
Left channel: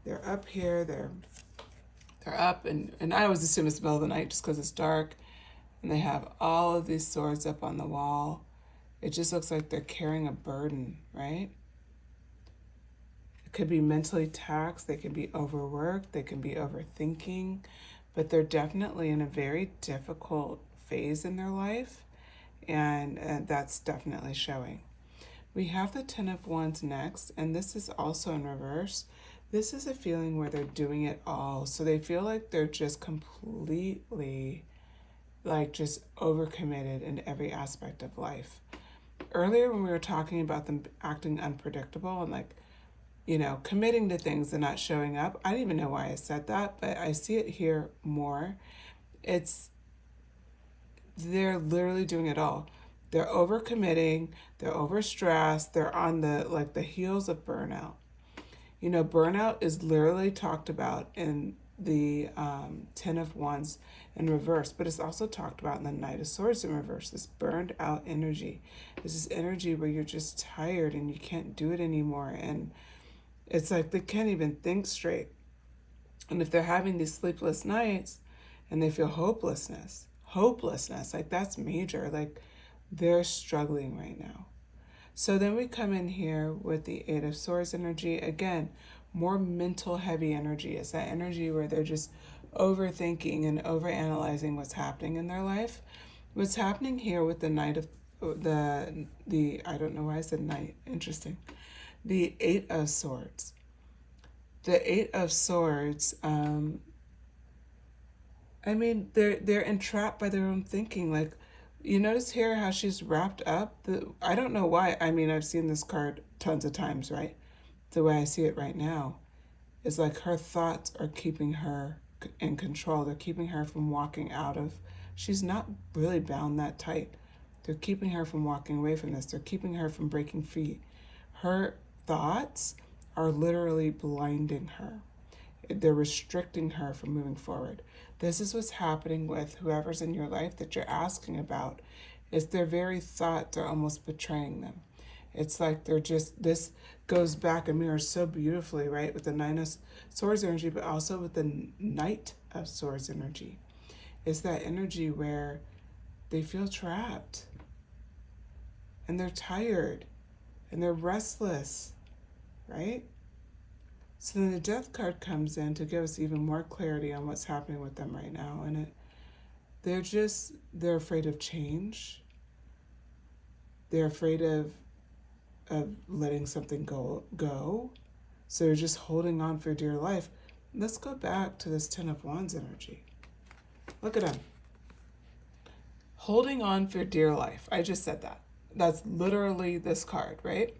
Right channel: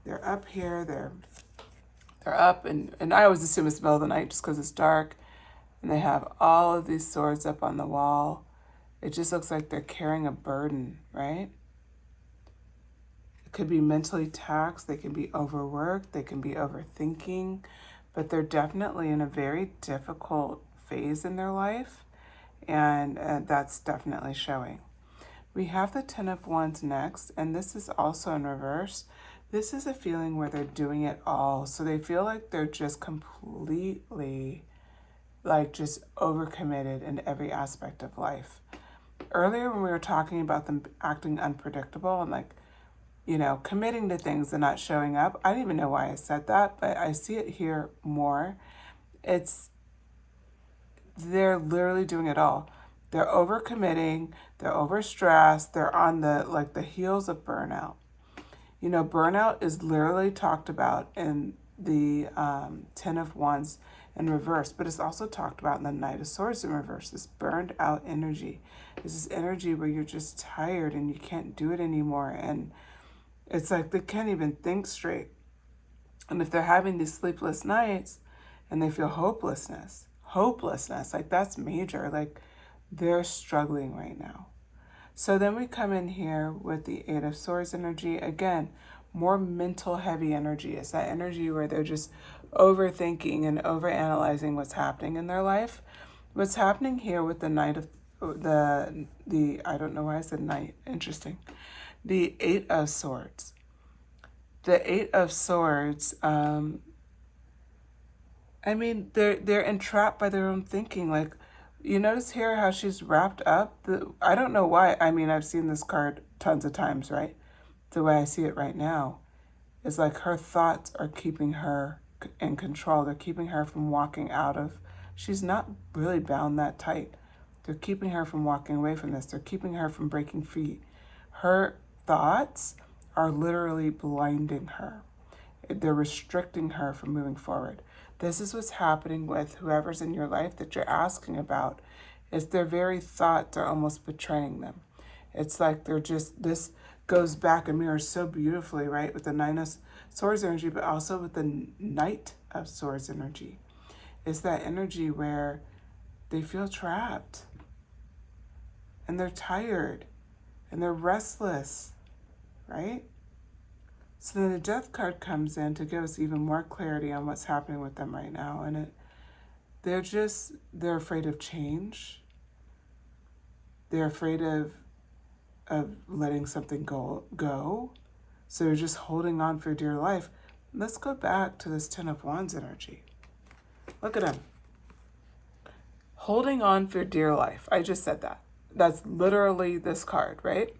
They're up here. They're up, and I always assume it's the middle of the night just because it's dark. And they have all of these swords up on the wall. It just looks like they're carrying a burden, right? It could be mentally taxed, they can be overworked, they can be overthinking, but they're definitely in a very difficult phase in their life, and that's definitely showing. We have the Ten of Wands next, and this is also in reverse. This is a feeling where they're doing it all. So they feel like they're just completely, like, just overcommitted in every aspect of life. Earlier when we were talking about them acting unpredictable and, like, you know, committing to things and not showing up, I didn't even know why I said that, but I see it here more. They're literally doing it all. They're overcommitting, they're overstressed, they're on the heels of burnout. You know, burnout is literally talked about in the Ten of Wands in reverse, but it's also talked about in the Knight of Swords in reverse, this burned out energy. This is energy where you're just tired and you can't do it anymore. And it's like they can't even think straight. And if they're having these sleepless nights and they feel hopelessness, like that's major. Like they're struggling right now. So then we come in here with the Eight of Swords energy. Again, more mental heavy energy. It's that energy where they're just overthinking and overanalyzing what's happening in their life. What's happening here with the Knight of the I don't know why I said Knight. Interesting. The Eight of Swords. The Eight of Swords, I mean, they're entrapped by their own thinking. Like, you notice here how she's wrapped up? I don't know why. I mean, I've seen this card tons of times, right? The way I see it right now is like her thoughts are keeping her in control. They're keeping her from walking out of, she's not really bound that tight. They're keeping her from walking away from this. They're keeping her from breaking free. Her thoughts are literally blinding her. They're restricting her from moving forward. This is what's happening with whoever's in your life that you're asking about, is their very thoughts are almost betraying them. It's like they're just, this goes back and mirrors so beautifully, right? With the Nine of Swords energy, but also with the Knight of Swords energy. It's that energy where they feel trapped and they're tired and they're restless, right? So then the Death card comes in to give us even more clarity on what's happening with them right now. And they're afraid of change. They're afraid of letting something go. So they're just holding on for dear life. Let's go back to this Ten of Wands energy. Look at him. Holding on for dear life. I just said that. That's literally this card, right?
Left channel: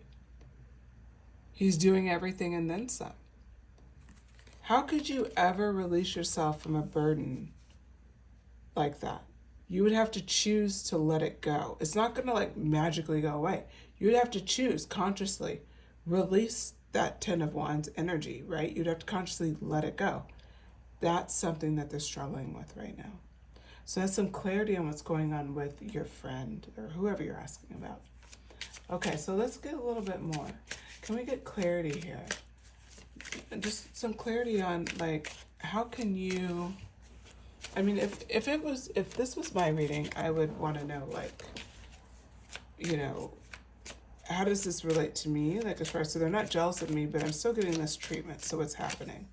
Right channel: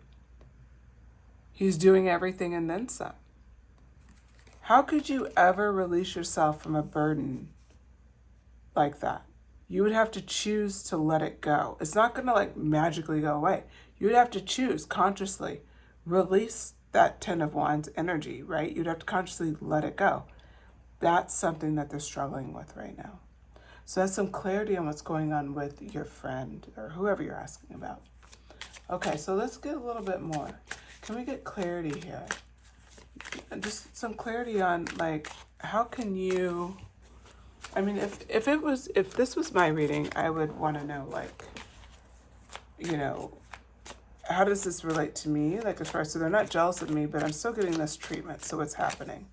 He's doing everything and then some. How could you ever release yourself from a burden like that? You would have to choose to let it go. It's not going to like magically go away. You would have to choose consciously, release that Ten of Wands energy, right? You'd have to consciously let it go. That's something that they're struggling with right now. So that's some clarity on what's going on with your friend or whoever you're asking about. Okay, so let's get a little bit more. Can we get clarity here? Just some clarity on, like, how can you, I mean, if this was my reading, I would want to know, like, you know, how does this relate to me? Like, as far as, so they're not jealous of me, but I'm still getting this treatment. So what's happening?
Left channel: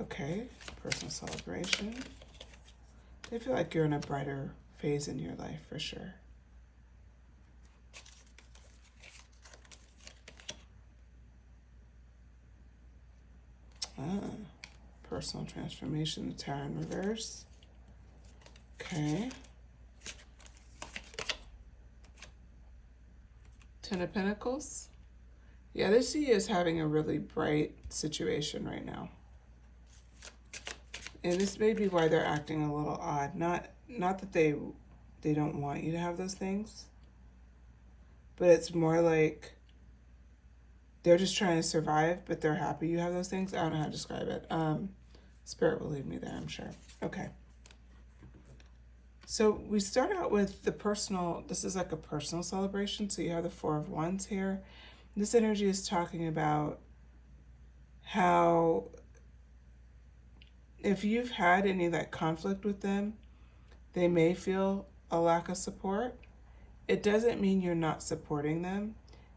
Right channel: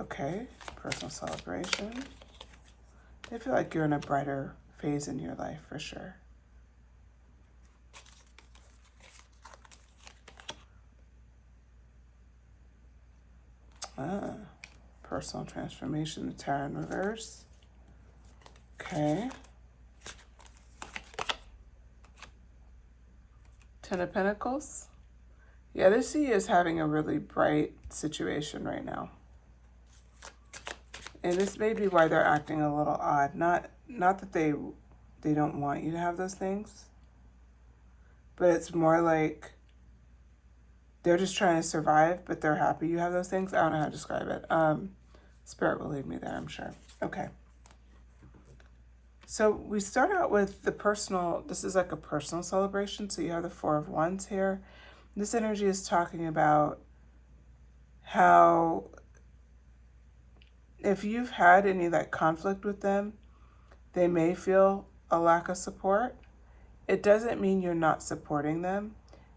Okay, personal celebration. I feel like you're in a brighter phase in your life for sure. Personal transformation, the Tower in reverse. Okay. Ten of Pentacles. Yeah, they see you as having a really bright situation right now. And this may be why they're acting a little odd. Not that they don't want you to have those things, but it's more like they're just trying to survive, but they're happy you have those things. I don't know how to describe it. Spirit will lead me there, I'm sure. Okay. So we start out with the personal, this is like a personal celebration. So you have the Four of Wands here. This energy is talking about how if you've had any like conflict with them, they may feel a lack of support, it doesn't mean you're not supporting them.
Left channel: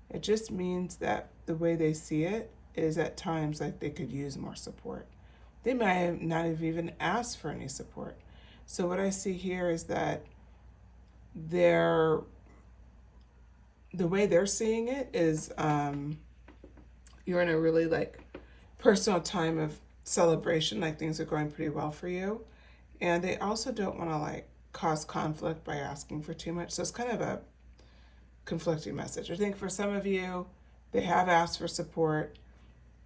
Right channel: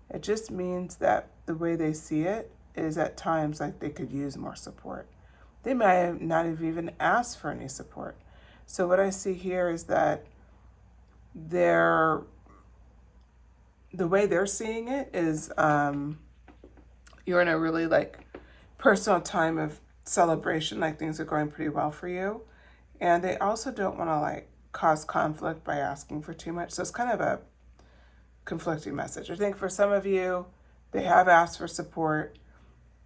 It just means that the way they see it is at times like they could use more support. They might not have even asked for any support. So what I see here is that the way they're seeing it is you're in a really like personal time of celebration, like things are going pretty well for you. And they also don't want to like cause conflict by asking for too much. So it's kind of a conflicting message. I think for some of you, they have asked for support.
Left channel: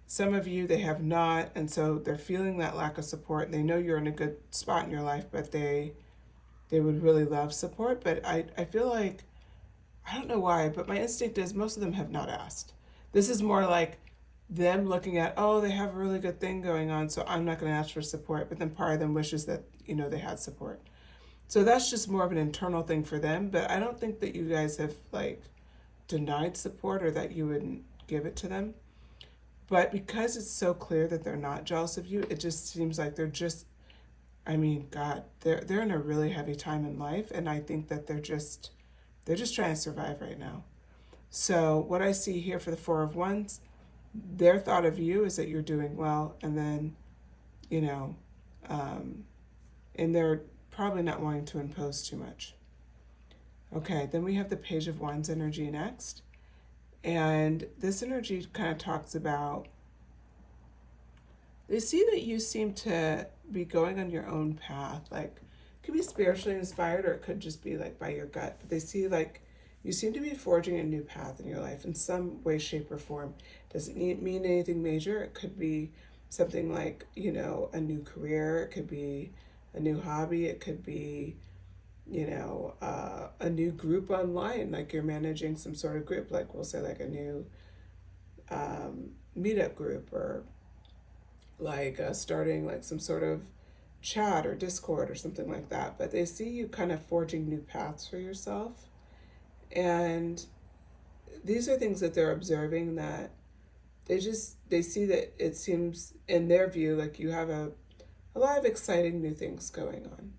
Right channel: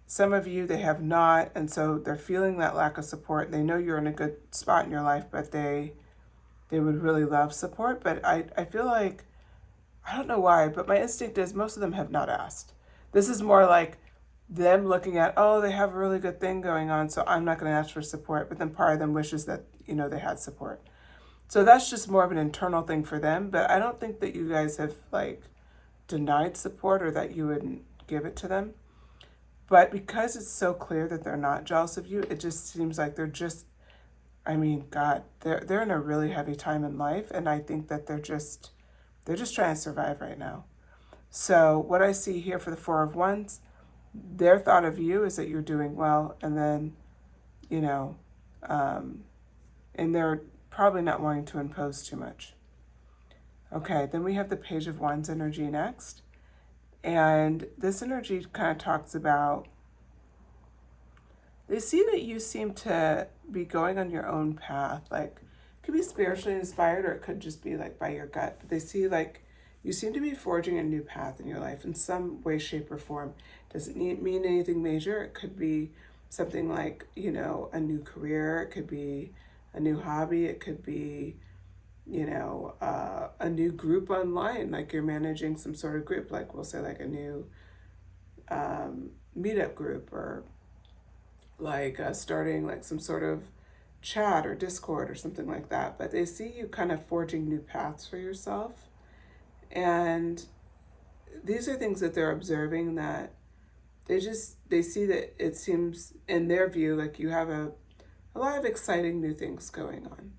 Some of you, they have not. And so they're feeling that lack of support. They know you're in a good spot in your life, but they would really love support. But I feel like, I don't know why, but my instinct is most of them have not asked. This is more like them looking at, oh, they have a really good thing going on, so I'm not going to ask for support. But then part of them wishes that, they had support. So that's just more of an internal thing for them. But I don't think that you guys have like denied support or that you wouldn't give it to them. But because it's so clear that they're not jealous of you, it just seems like they're just, God, they're in a really heavy time in life. And I think that they're just trying to survive right now. So what I see here for the Four of Wands, their thought of you is that you're doing well. And then, and they're probably not wanting to impose too much. Okay, then we have the Page of Wands energy next. And this energy kind of talks about, they see that you seem to be going on your own path. Like, it could be spiritually inspired or it could just be like by your gut. But they see like you seem to be forging a new path in your life in some way, shape, or form. Doesn't mean anything major. It could be something like, a new career. It could be a new hobby. It could be, a new group online, like you're managing some sort of group, like we'll say like a new meetup group, or like starting like some sort of chat or Discord or something like that. But they see you kind of forging new paths for yourself. And these are things that they're observing that they see that it seems in their view like you have a lot of exciting new things going on.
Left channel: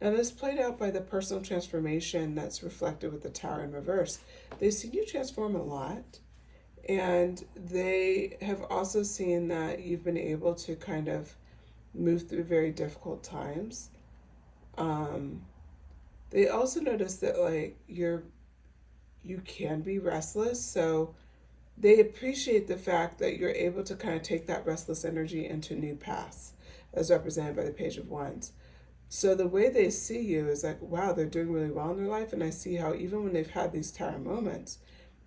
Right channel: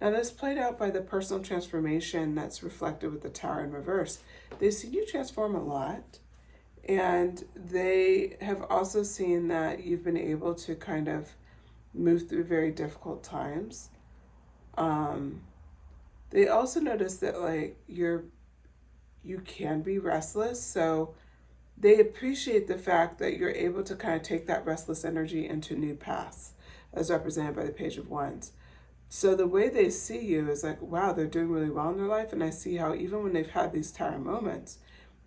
Now this played out by the personal transformation that's reflected with the Tower in reverse. They see you transform a lot, and they have also seen that you've been able to kind of move through very difficult times. They also notice that like you can be restless, so they appreciate the fact that you're able to kind of take that restless energy into new paths, as represented by the Page of Wands. So the way they see you is like, wow, they're doing really well in their life. And I see how even when they've had these Tower moments,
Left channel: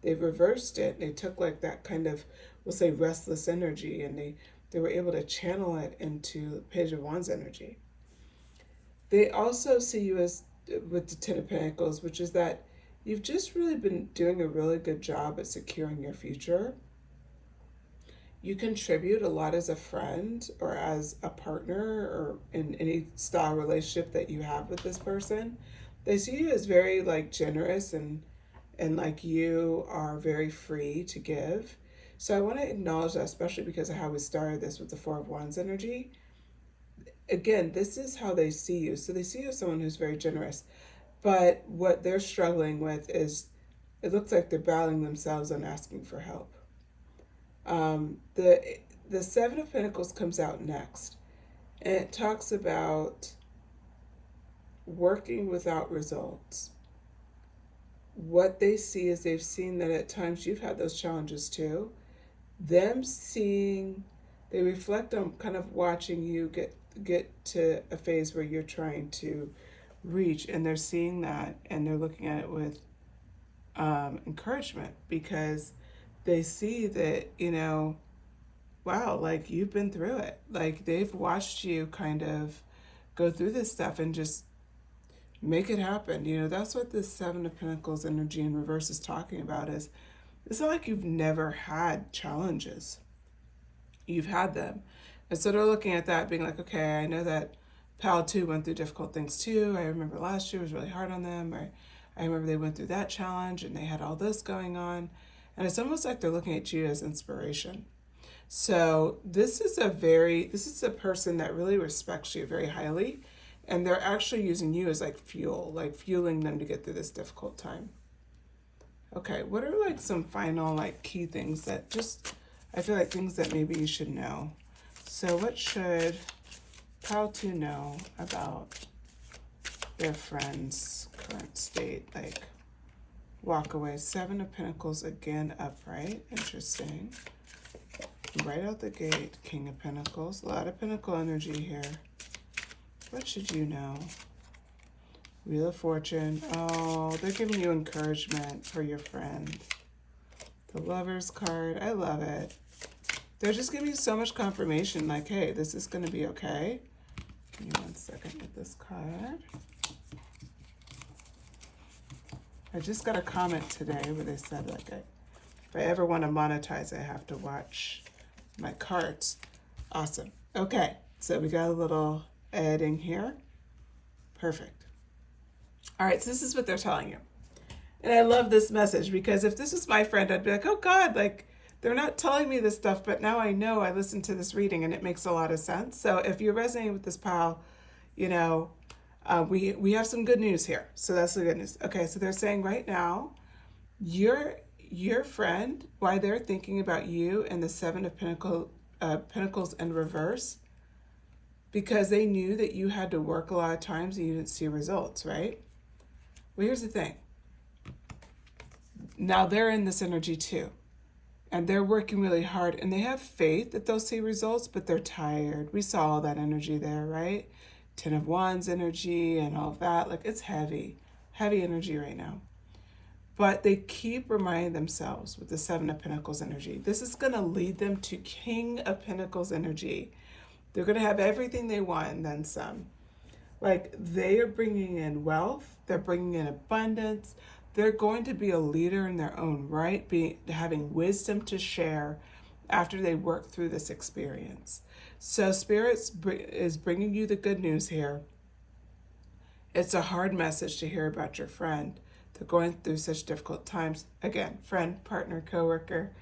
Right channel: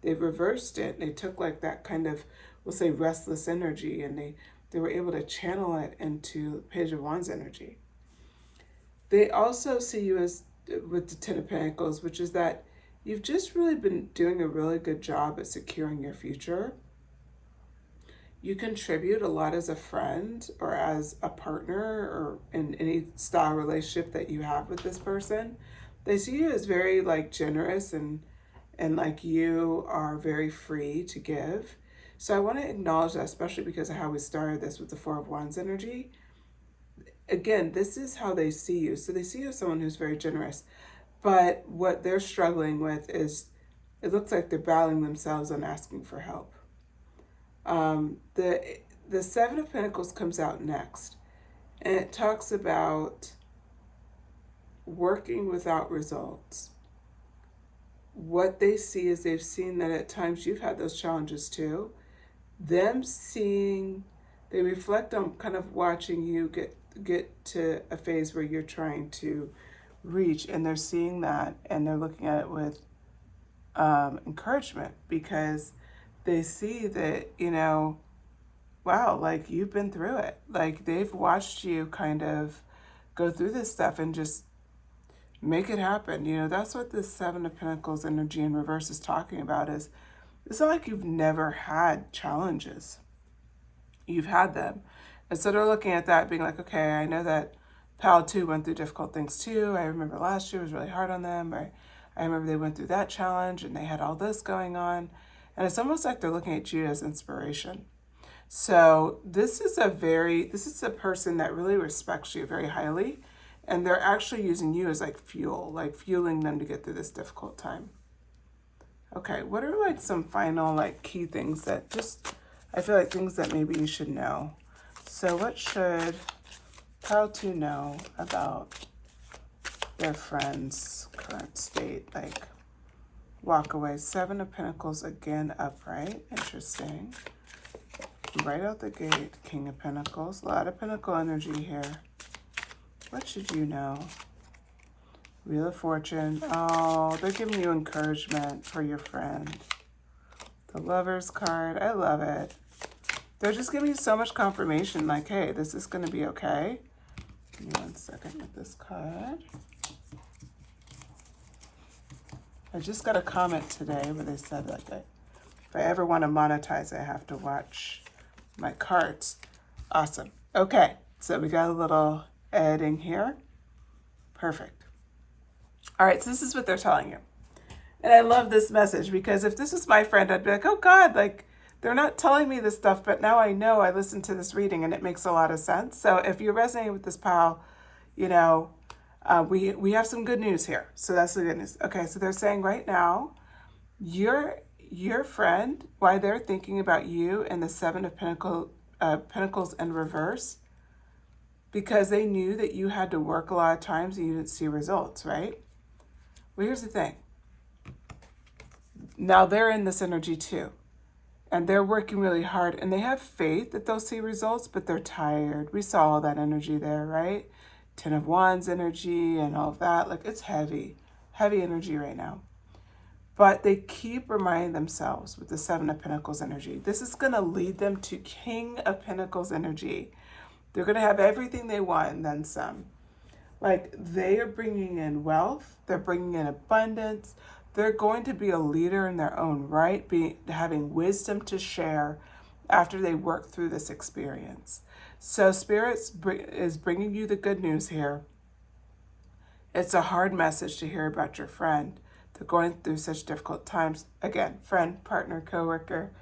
they've reversed it. And they took like that kind of, we'll say, restless energy, and they were able to channel it into Page of Wands energy. They also see you as with the Ten of Pentacles, which is that you've just really been doing a really good job at securing your future. You contribute a lot as a friend or as a partner or in any style relationship that you have with this person. They see you as very like generous and like you are very free to give. So I want to acknowledge that, especially because of how we started this with the Four of Wands energy. Again, this is how they see you. So they see you as someone who's very generous. But what they're struggling with is it looks like they're battling themselves on asking for help. The Seven of Pentacles comes out next, and it talks about working without results. What they see is they've seen that at times you've had those challenges too. Them seeing, they reflect on kind of watching you get to a phase where you're trying to reach, and they're seeing that and they're looking at it with encouragement, because they see that, wow, like you've been through it. Like they've watched you kind of go through this stuff and just make it happen. That's what the Seven of Pentacles energy in reverse is talking about. Is it's not like you've never had challenges. You've had them. And so they're looking at that being like, okay, I know that Pal 2 went through difficult things too. I remember last year was really hard on them. Or I remember they went through that challenge and they had all this going on. And it's almost like they're looking at you as inspiration. So this is a person that really respects you very highly. And they're actually using you as like fuel, like fueling them to get through this difficult time. Okay, what are like some final like key things that just, I feel like things that maybe you should know. So what should Pile 2 know about their friend's current state? Like walk away. 7 of Pentacles again upright. Interesting. Right out the gate, King of Pentacles. A lot of Pentacle energy here. What should you know? Wheel of Fortune. Oh, they're giving you encouragement for your friend. The Lover's card. I love it. They're just giving you so much confirmation, like, hey, this is going to be okay. Give me 1 second with this card. I just got a comment today where they said, like, if I ever want to monetize, I have to watch my cards. Awesome. Okay, so we got a little editing here. Perfect. All right, so this is what they're telling you. And I love this message because if this was my friend, I'd be like, oh God, like they're not telling me this stuff, but now I know. I listened to this reading and it makes a lot of sense. So if you're resonating with this pile, you know, we have some good news here. So that's the good news. Okay, so they're saying right now, your friend, why they're thinking about you and the 7 of Pentacles in reverse, because they knew that you had to work a lot of times and you didn't see results, right? Well, here's the thing. Now they're in this energy too. And they're working really hard. And they have faith that they'll see results, but they're tired. We saw all that energy there, right? 10 of Wands energy and all of that. Like, it's heavy. Heavy energy right now. But they keep reminding themselves with the 7 of Pentacles energy. This is going to lead them to King of Pentacles energy. They're going to have everything they want and then some. Like, they are bringing in wealth. They're bringing in abundance. They're going to be a leader in their own right, having wisdom to share after they work through this experience. So Spirit is bringing you the good news here. It's a hard message to hear about your friend. They're going through such difficult times. Again, friend, partner, coworker,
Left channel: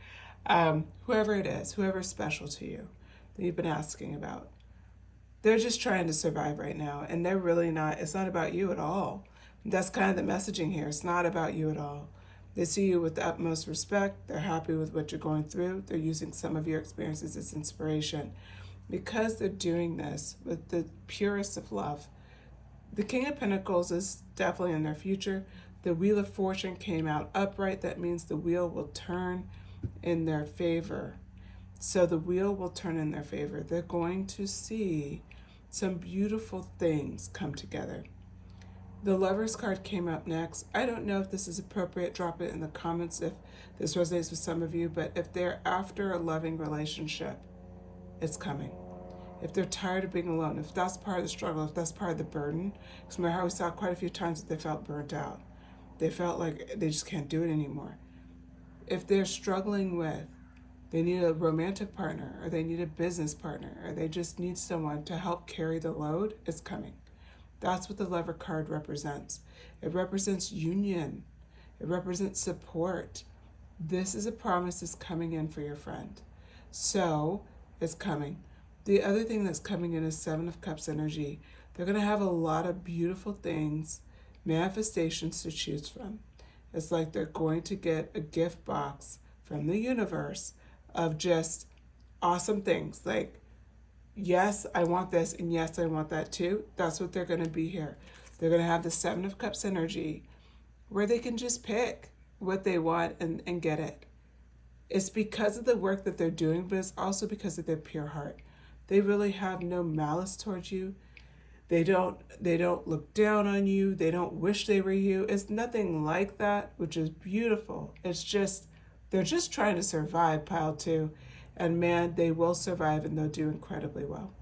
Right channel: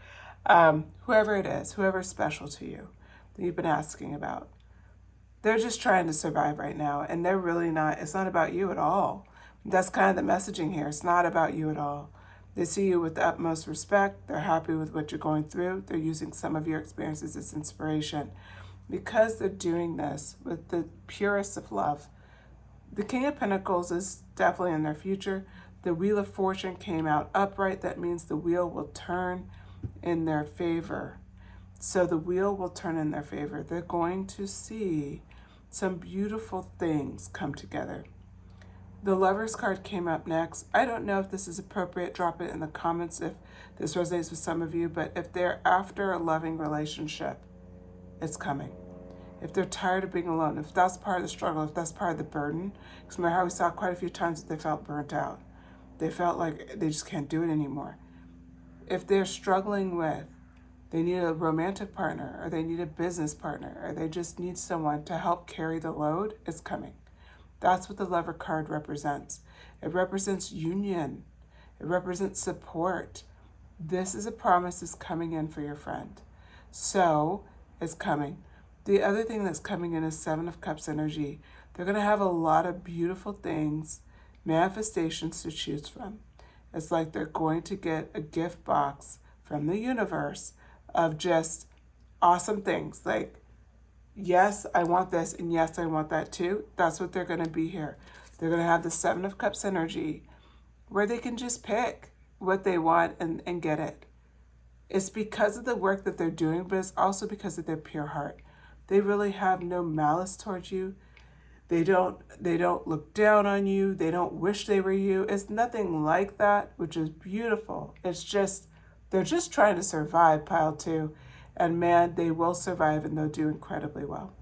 whoever it is, whoever's special to you that you've been asking about. They're just trying to survive right now, and they're really not, it's not about you at all. That's kind of the messaging here. It's not about you at all. They see you with the utmost respect. They're happy with what you're going through. They're using some of your experiences as inspiration. Because they're doing this with the purest of love. The King of Pentacles is definitely in their future. The Wheel of Fortune came out upright. That means the wheel will turn in their favor. So the wheel will turn in their favor. They're going to see some beautiful things come together. The Lover's card came up next. I don't know if this is appropriate. Drop it in the comments if this resonates with some of you. But if they're after a loving relationship, it's coming. If they're tired of being alone, if that's part of the struggle, if that's part of the burden, because remember how we saw quite a few times that they felt burnt out. They felt like they just can't do it anymore. If they're struggling with, they need a romantic partner, or they need a business partner, or they just need someone to help carry the load, it's coming. That's what the Lover card represents. It represents union. It represents support. This is a promise that's coming in for your friend. So, it's coming. The other thing that's coming in is 7 of Cups energy. They're going to have a lot of beautiful things, manifestations to choose from. It's like they're going to get a gift box from the universe of just awesome things. Like, yes, I want this, and yes, I want that too. That's what they're going to be here. They're going to have the 7 of Cups energy where they can just pick what they want and get it. It's because of the work that they're doing, but it's also because of their pure heart. They really have no malice towards you. They don't look down on you. They don't wish they were you. It's nothing like that, which is beautiful. It's just, they're just trying to survive, Pile 2. And man, they will survive and they'll do incredibly well.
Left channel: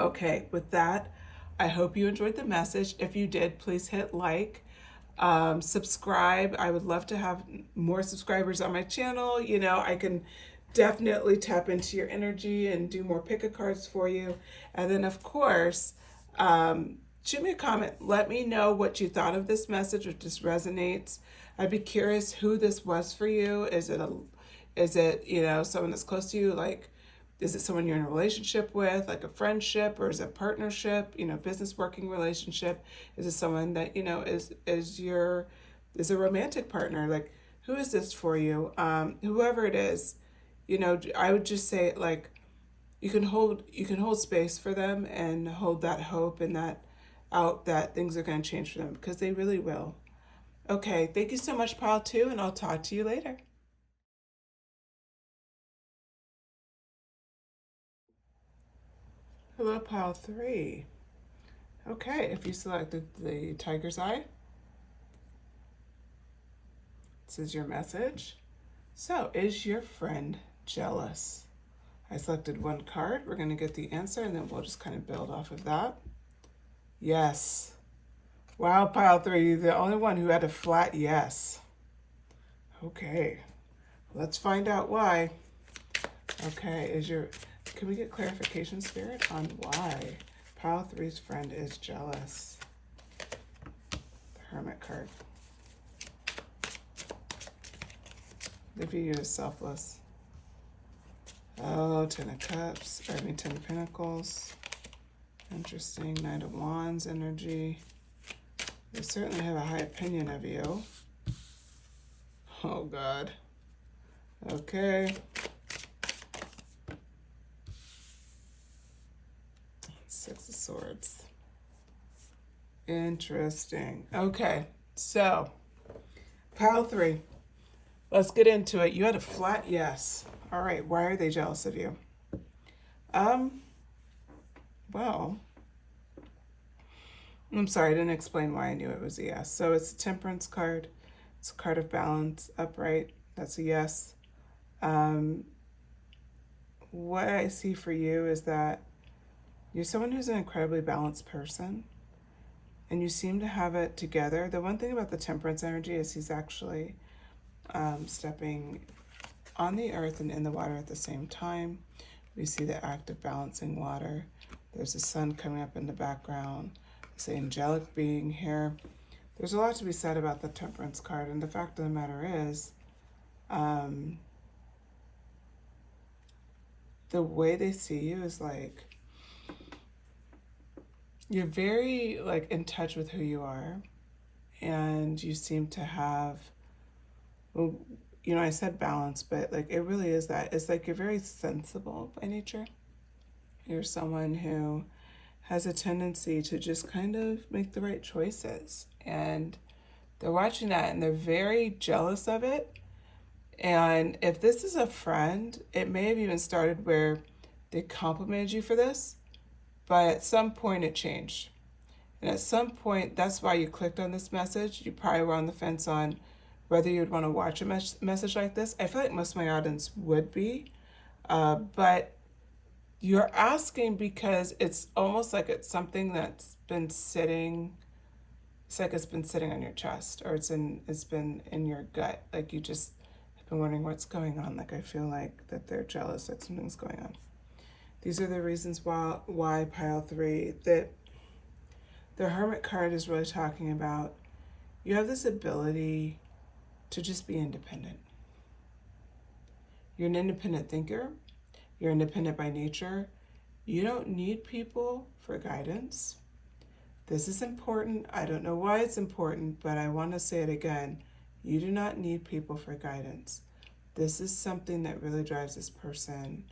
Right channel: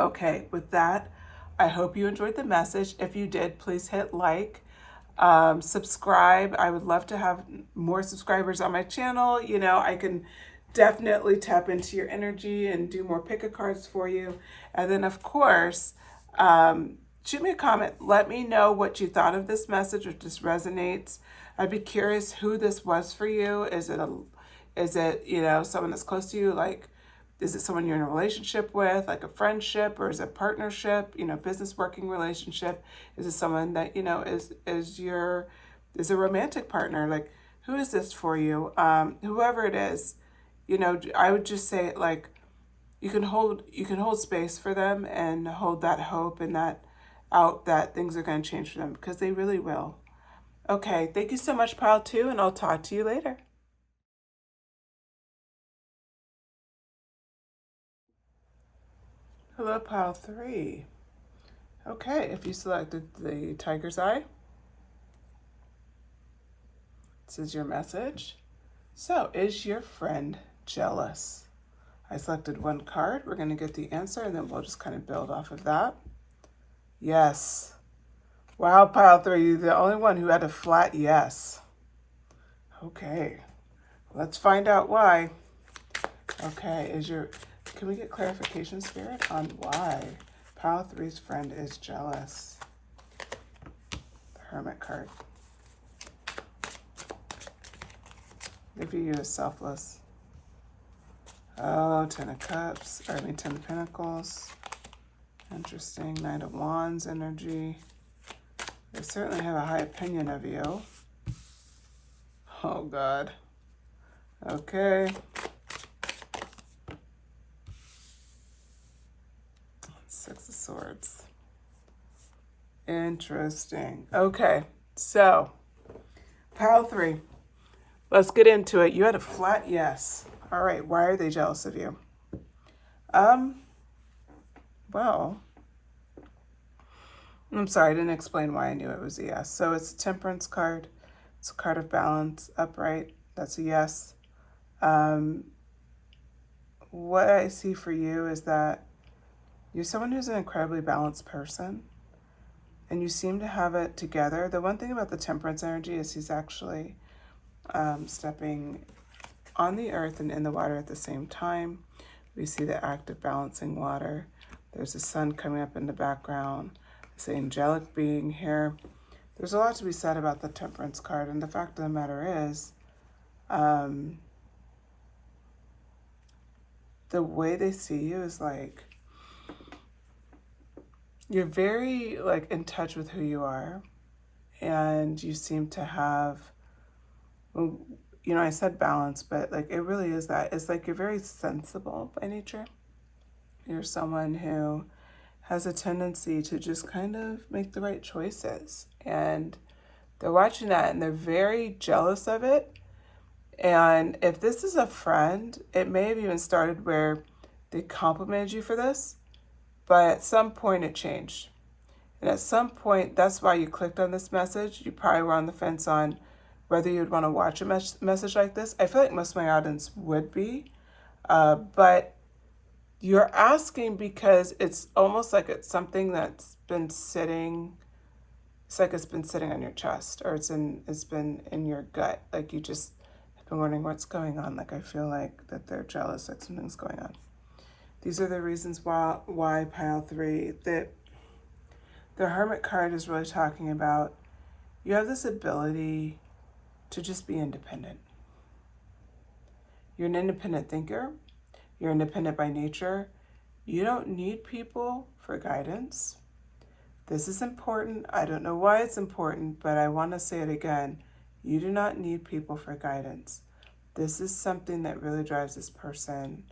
Okay, with that, I hope you enjoyed the message. If you did, please hit like, subscribe. I would love to have more subscribers on my channel. You know, I can definitely tap into your energy and do more pick-a-cards for you. And then, of course, shoot me a comment. Let me know what you thought of this message, if this resonates. I'd be curious who this was for you. Is it, you know, someone that's close to you, like Is it someone you're in a relationship with, like a friendship, or is it a partnership, business working relationship? Is it someone that, is a romantic partner? Like, who is this for you? Whoever it is, I would just say, like, you can hold space for them and hold that hope and that things are going to change for them, because they really will. Okay, thank you so much, Pile 2, and I'll talk to you later. Hello, Pile 3. Okay, if you selected the tiger's eye, this is your message. So, is your friend jealous? I selected one card. We're going to get the answer, and then we'll just kind of build off of that. Yes. Wow, Pile 3, you're the only one who had a flat yes. Okay, let's find out why. Okay, can we get clarification, Spirit, on why Pile 3's friend is jealous? The Hermit card. They view you as selfless. Oh, Ten of Cups, Ten of Pentacles. Interesting, Knight of Wands energy. They certainly have a high opinion of you. Oh, God. Okay. Six of Swords. Interesting. Okay, so Pile 3. Let's get into it. You had a flat yes. All right, why are they jealous of you? Well, I'm sorry, I didn't explain why I knew it was a yes. So it's a Temperance card. It's a card of balance, upright. That's a yes. What I see for you is that you're someone who's an incredibly balanced person, and you seem to have it together. The one thing about the Temperance energy is he's actually stepping on the earth and in the water at the same time. We see the act of balancing water. There's the sun coming up in the background. This angelic being here. There's a lot to be said about the Temperance card, and the fact of the matter is, the way they see you is like, you're very like in touch with who you are, and you seem to have, well, I said balance, but like it really is that. It's like you're very sensible by nature. You're someone who has a tendency to just kind of make the right choices, and they're watching that and they're very jealous of it. And if this is a friend, it may have even started where they complimented you for this, but at some point it changed. And at some point, that's why you clicked on this message. You probably were on the fence on whether you'd want to watch a message like this. I feel like most of my audience would be, but you're asking because it's almost like it's something that's been sitting. It's like it's been sitting on your chest, or it's been in your gut. Like you just have been wondering what's going on. Like I feel like that they're jealous, like something's going on. These are the reasons why Pile 3, that the Hermit card is really talking about. You have this ability to just be independent. You're an independent thinker. You're independent by nature. You don't need people for guidance. This is important. I don't know why it's important, but I want to say it again. You do not need people for guidance. This is something that really drives this person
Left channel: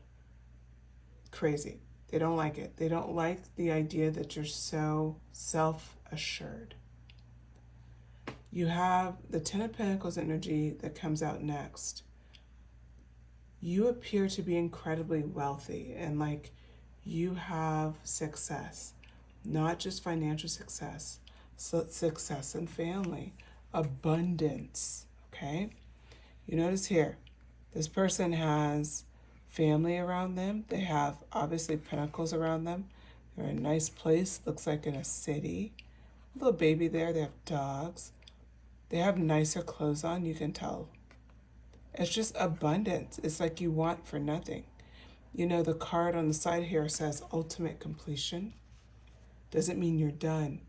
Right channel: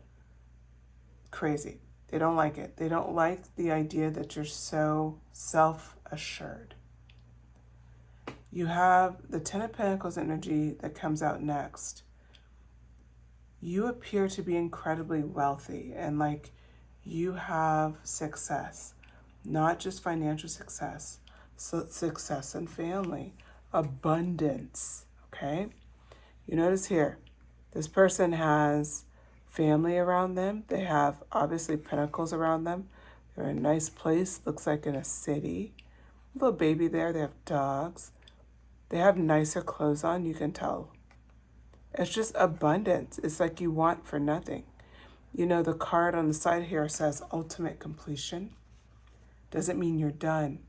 crazy. They don't like it. They don't like the idea that you're so self-assured. You have the Ten of Pentacles energy that comes out next. You appear to be incredibly wealthy, and like you have success, not just financial success, success in family, abundance, okay? You notice here, this person has family around them. They have obviously pentacles around them. They're in a nice place, looks like in a city. A little baby there, they have dogs. They have nicer clothes on, you can tell. It's just abundance. It's like you want for nothing. The card on the side here says ultimate completion. Doesn't mean you're done.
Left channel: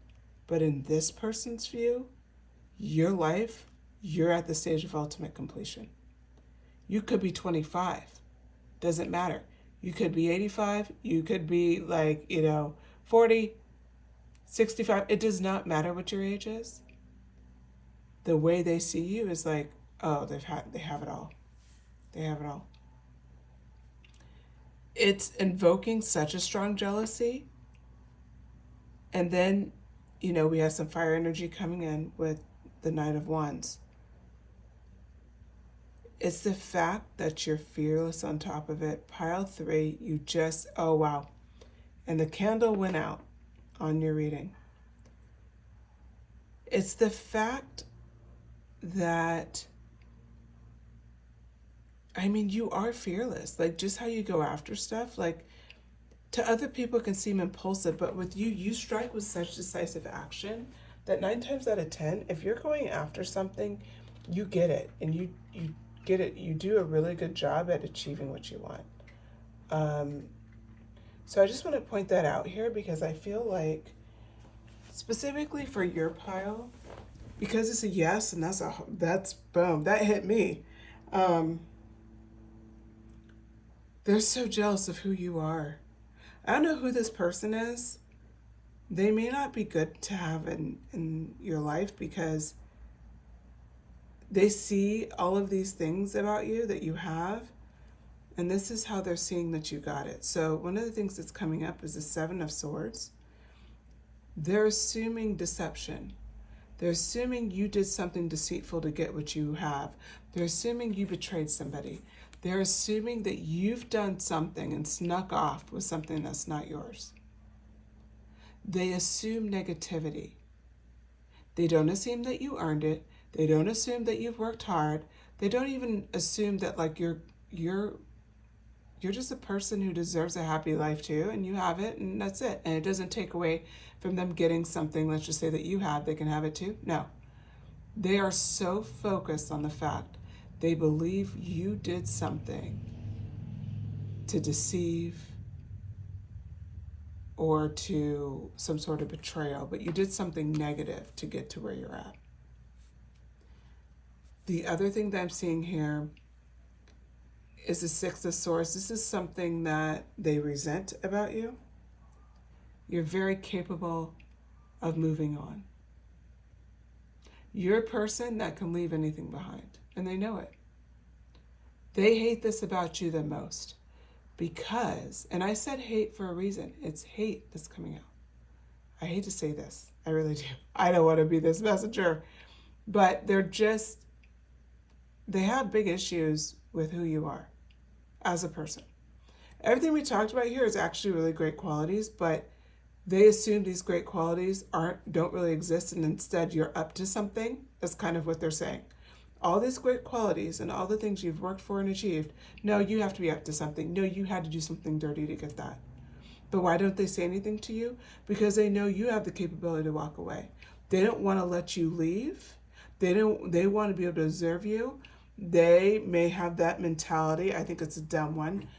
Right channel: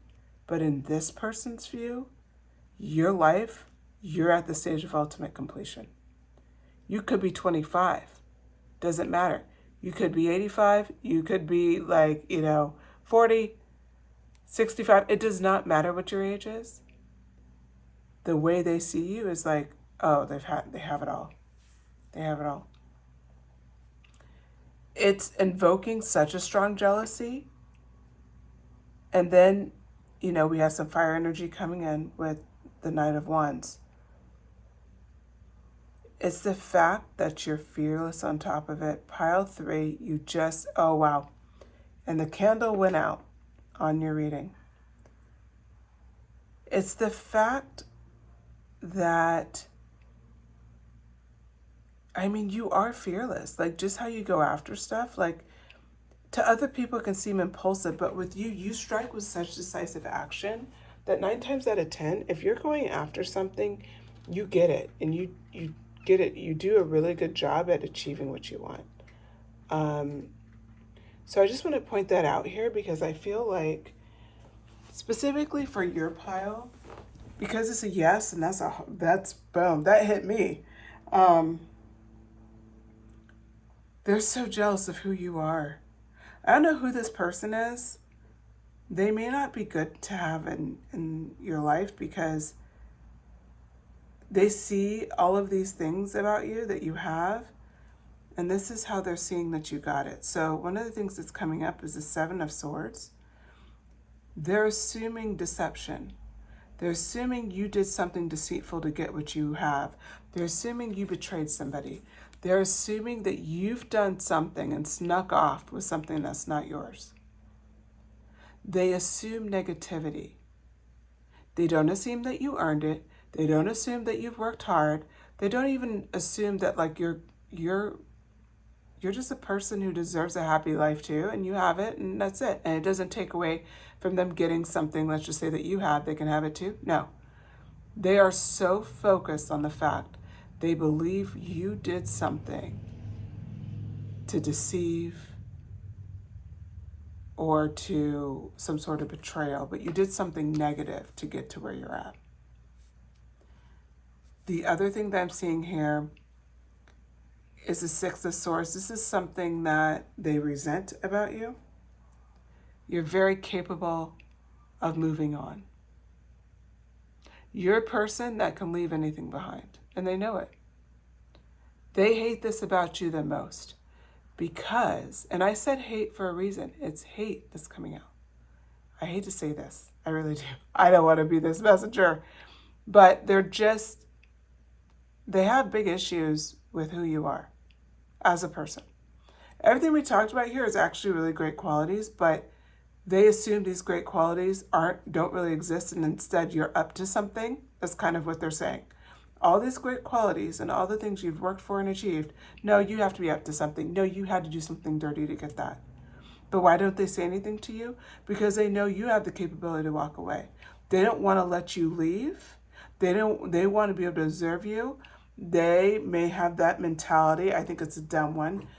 But in this person's view, your life, you're at the stage of ultimate completion. You could be 25. Doesn't matter. You could be 85. You could be like, 40, 65. It does not matter what your age is. The way they see you is like, oh, they have it all. They have it all. It's invoking such a strong jealousy. And then, we have some fire energy coming in with the Knight of Wands. It's the fact that you're fearless on top of it. Pile 3, you just, oh wow. And the candle went out on your reading. It's the fact that, you are fearless. Like, just how you go after stuff, like, to other people it can seem impulsive, but with you, you strike with such decisive action that 9 times out of 10, if you're going after something, you get it, and you get it. You do a really good job at achieving what you want. So I just want to point that out here because I feel like, specifically for your pile, because it's a yes, and that's boom, that hit me. They're so jealous of who you are. I don't know who this person is. They may not be good to have in your life because they see all of these things about you that you have, and this is how they're seeing that you got it. So one of the things that's coming up is the 7 of Swords. They're assuming deception. They're assuming you did something deceitful to get what you have. They're assuming you betrayed somebody. They're assuming that you've done something and snuck off with something that's not yours. They assume negativity. They don't assume that you earned it. They don't assume that you've worked hard. They don't even assume that like you're just a person who deserves a happy life too, and you have it, and that's it. And it doesn't take away from them getting something, let's just say that you have, they can have it too. No. They are so focused on the fact they believe you did something to deceive or to some sort of betrayal, but you did something negative to get to where you're at. The other thing that I'm seeing here is the 6 of Swords. This is something that they resent about you. You're very capable of moving on. You're a person that can leave anything behind, and they know it. They hate this about you the most because, and I said hate for a reason, it's hate that's coming out. I hate to say this, I really do. I don't want to be this messenger, but they have big issues with who you are as a person. Everything we talked about here is actually really great qualities, but they assume these great qualities don't really exist, and instead you're up to something. That's kind of what they're saying. All these great qualities and all the things you've worked for and achieved, no, you have to be up to something. No, you had to do something dirty to get that. But why don't they say anything to you? Because they know you have the capability to walk away. They don't want to let you leave. They want to be able to observe you. They may have that mentality. I think it's a dumb one.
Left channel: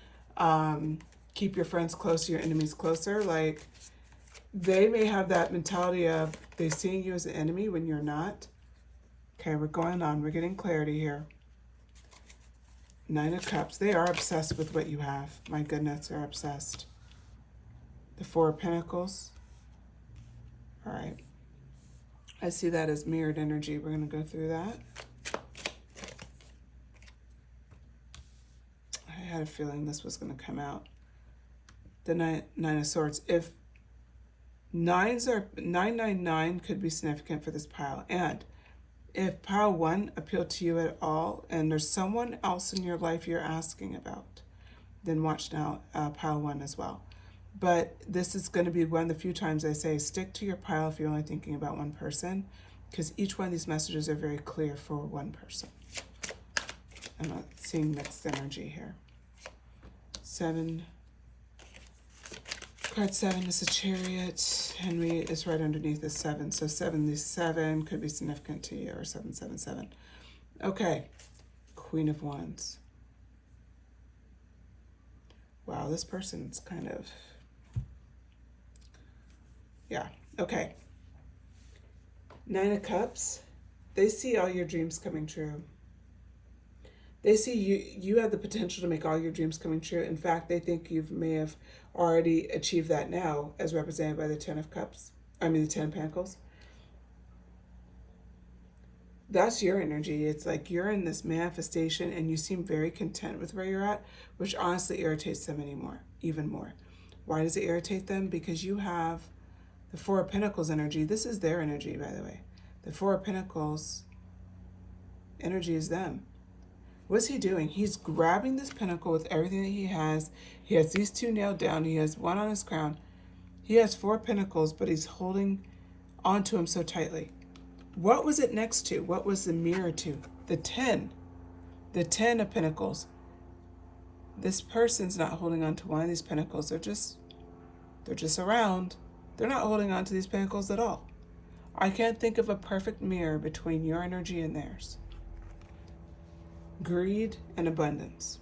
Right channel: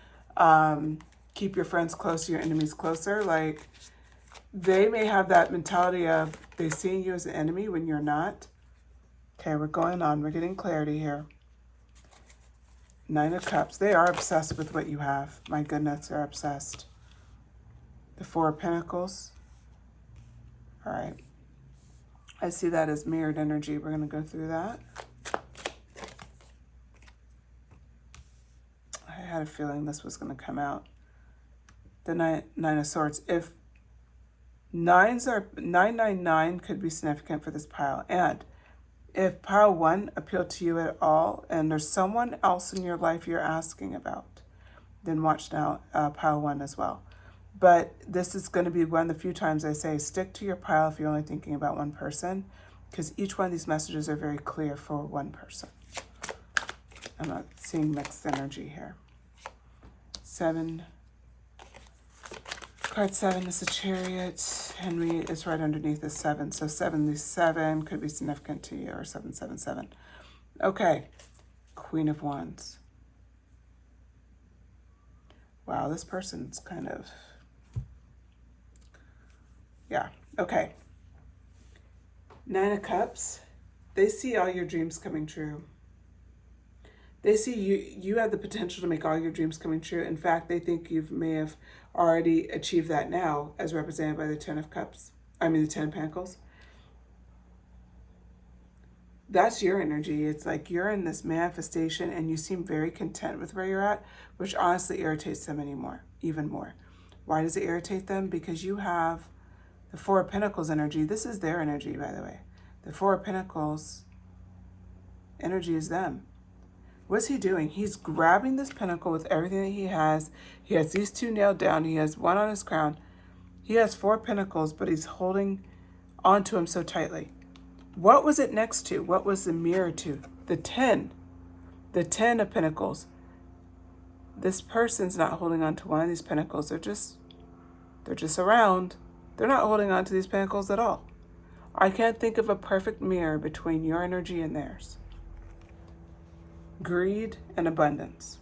Keep your friends close, your enemies closer. Like, they may have that mentality of they seeing you as an enemy when you're not. Okay, we're going on. We're getting clarity here. 9 of Cups. They are obsessed with what you have. My goodness, they're obsessed. The 4 of Pentacles. All right. I see that as mirrored energy. We're going to go through that. I had a feeling this was going to come out. The 9 of Swords. If 999 could be significant for this pile. And if pile 1 appealed to you at all, and there's someone else in your life you're asking about, then watch now pile 1 as well. But this is going to be one of the few times I say stick to your pile if you're only thinking about one person, because each one of these messages are very clear for one person. I'm not seeing mixed energy here. 7. Card 7 is a Chariot. Henry is right underneath the 7. So 77 could be significant to you, or 777. Okay. Queen of Wands. Wow, this person's kind of... Yeah, okay. 9 of Cups. They see all your dreams coming true. They see you have the potential to make all your dreams coming true. In fact, they think you may have already achieved that now, as represented by the Ten of Cups. I mean, the Ten of Pentacles. That's your energy. It's like you're in this manifestation and you seem very content with where you're at, which honestly irritates them even more. Why does it irritate them? Because you have the Four of Pentacles energy. This is their energy, by the way. The Four of Pentacles energy is them. What's he doing? He's grabbing this pentacle with everything that he has. He has these two nailed down. He has one on his crown. He has four pentacles, but he's holding onto him so tightly. What was it next to? What was the mirror to? The 10. The 10 of Pentacles. This person's not holding on to one of these pentacles. They're just around. They're not holding on to these pentacles at all. I can't think of a perfect mirror between your energy and theirs. Greed and abundance.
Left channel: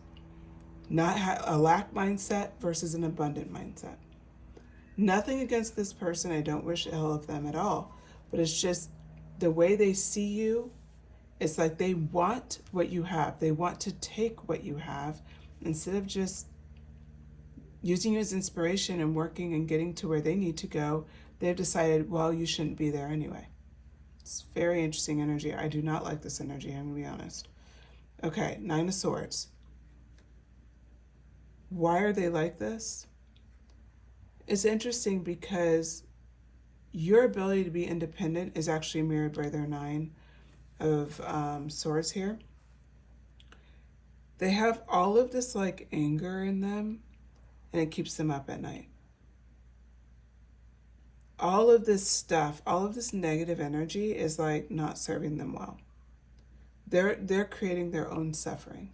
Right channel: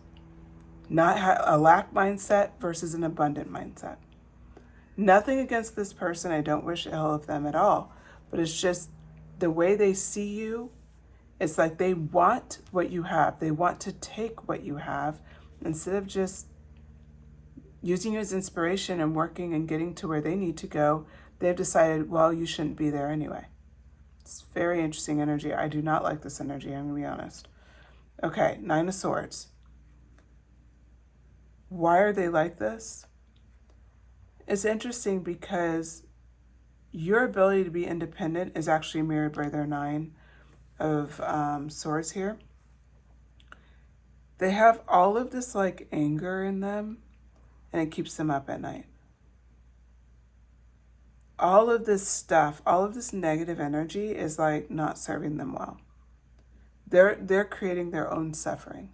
Not a lack mindset versus an abundant mindset. Nothing against this person. I don't wish ill of them at all. But it's just the way they see you. It's like they want what you have. They want to take what you have instead of just using you as inspiration and working and getting to where they need to go. They've decided, well, you shouldn't be there anyway. It's very interesting energy. I do not like this energy, I'm going to be honest. Okay, Nine of Swords. Why are they like this? It's interesting because your ability to be independent is actually mirrored by their Nine of Swords here. They have all of this like anger in them, and it keeps them up at night. All of this stuff, all of this negative energy is like not serving them well. They're creating their own suffering.